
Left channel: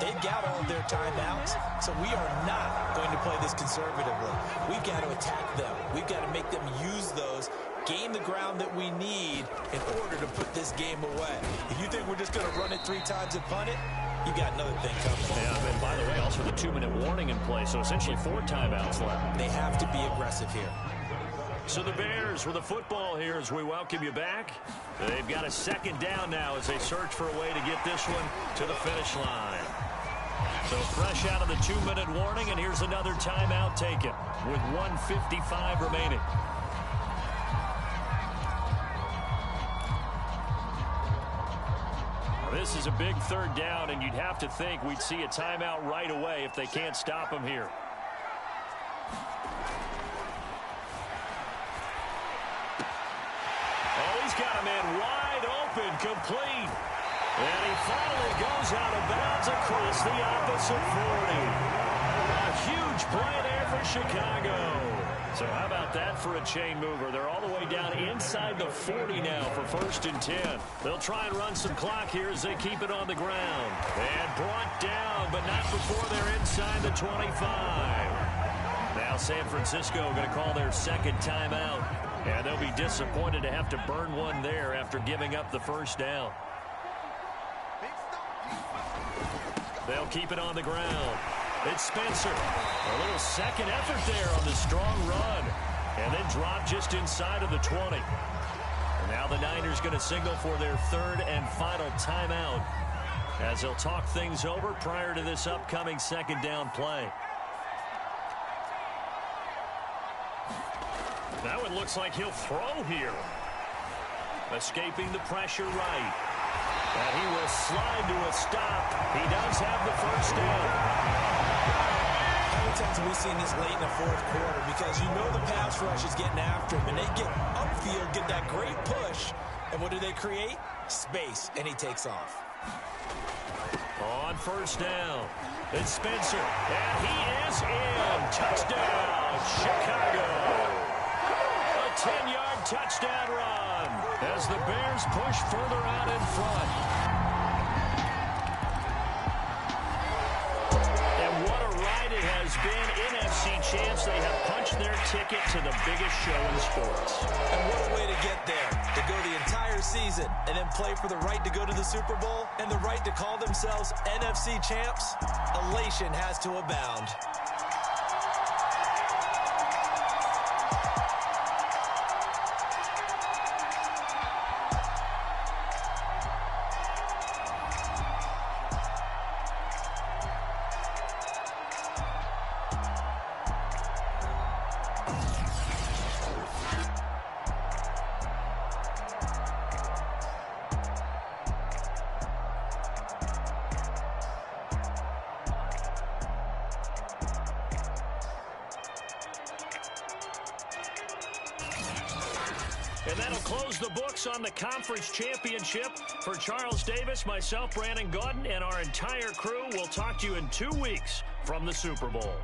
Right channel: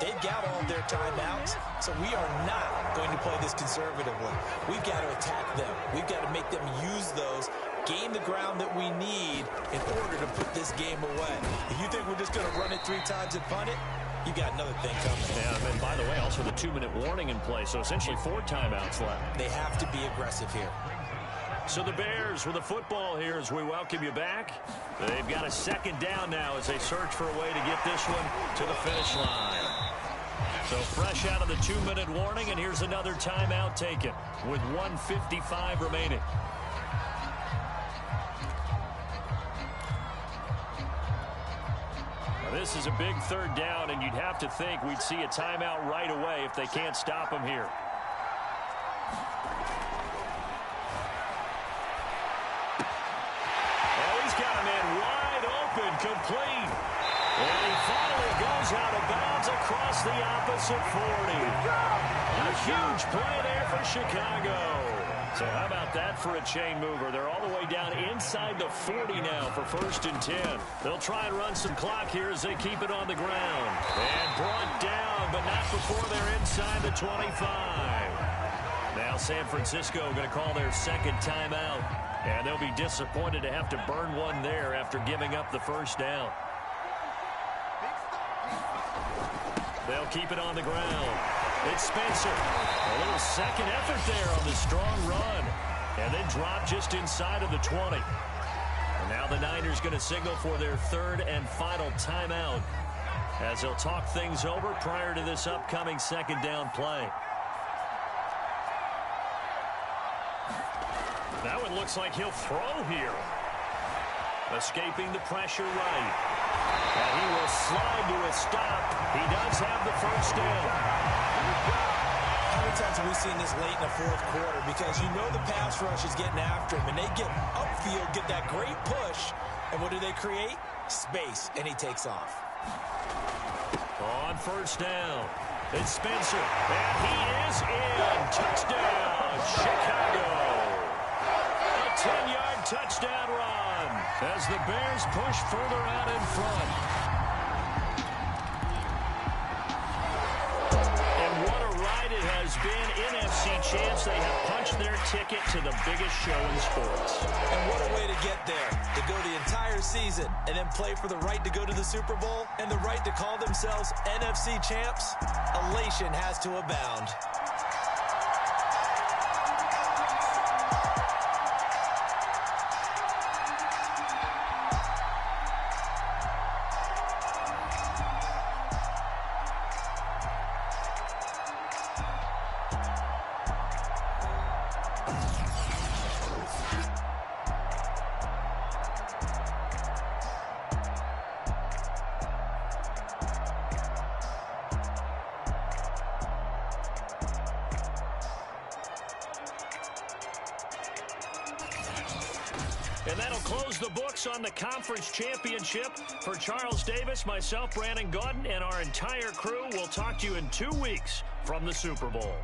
They've got all their timeouts, so we are not going to play this conservatively. We've got to attack them. We've got to make them use those, gain the ground that we need in order to put this game away. If you think we're just going to run it 3 times and punt it, you got another thing coming. Yeah, and by the way, also the 2-minute warning in play, so essentially 4 timeouts left. They have to be aggressive here. So the Bears with the football here as we welcome you back. They've got a 2nd down now as they search for a way to get this one to the finish line. So fresh out of the 2-minute warning, and here's another timeout taken with 1:55 remaining. Now this is a big 3rd down, and you'd have to think we'd see a timeout right away if they can't stop him here. Oh, he's got a man wide open, complete. And he finally goes out of bounds across the opposite 40. A huge play there for Chicago. So how about that for a chain mover? They're all the way down inside the 40 now for 1st and 10. They'll try and run some clock here as they keep it on the ground. And brought down, but not before they're inside the 25. Now San Francisco going to call their 2nd timeout. And they'll be disappointed to have to burn one there after giving up the 1st down. They'll keep it on the ground. It's Spencer. A little 2nd effort there on the strong run. And then drop just inside of the 20. And now the Niners going to signal for their 3rd and final timeout as they'll talk things over prior to this upcoming 2nd down play. Now it looks like he'll throw here. Escaping the pressure right. And he will slide to a stop. He does have the 1st down. How many times have we seen this late in the 4th quarter? Because you know the pass rush is getting after him, and they get upfield, get that great push, and what do they create? Space, and he takes off. On 1st down, it's Spencer, and he is in. Touchdown, Chicago. A 10-yard touchdown run as the Bears push further out in front. And what a ride it has been. NFC champs, they have punched their ticket to the biggest show in sports. And what a way to get there, to go the entire season and then play for the right to go to the Super Bowl and the right to call themselves NFC champs. Elation has to abound. And that'll close the books on the conference championship. For Charles Davis, myself, Brandon Gaudin, and our entire crew, we'll talk to you in 2 weeks from the Super Bowl.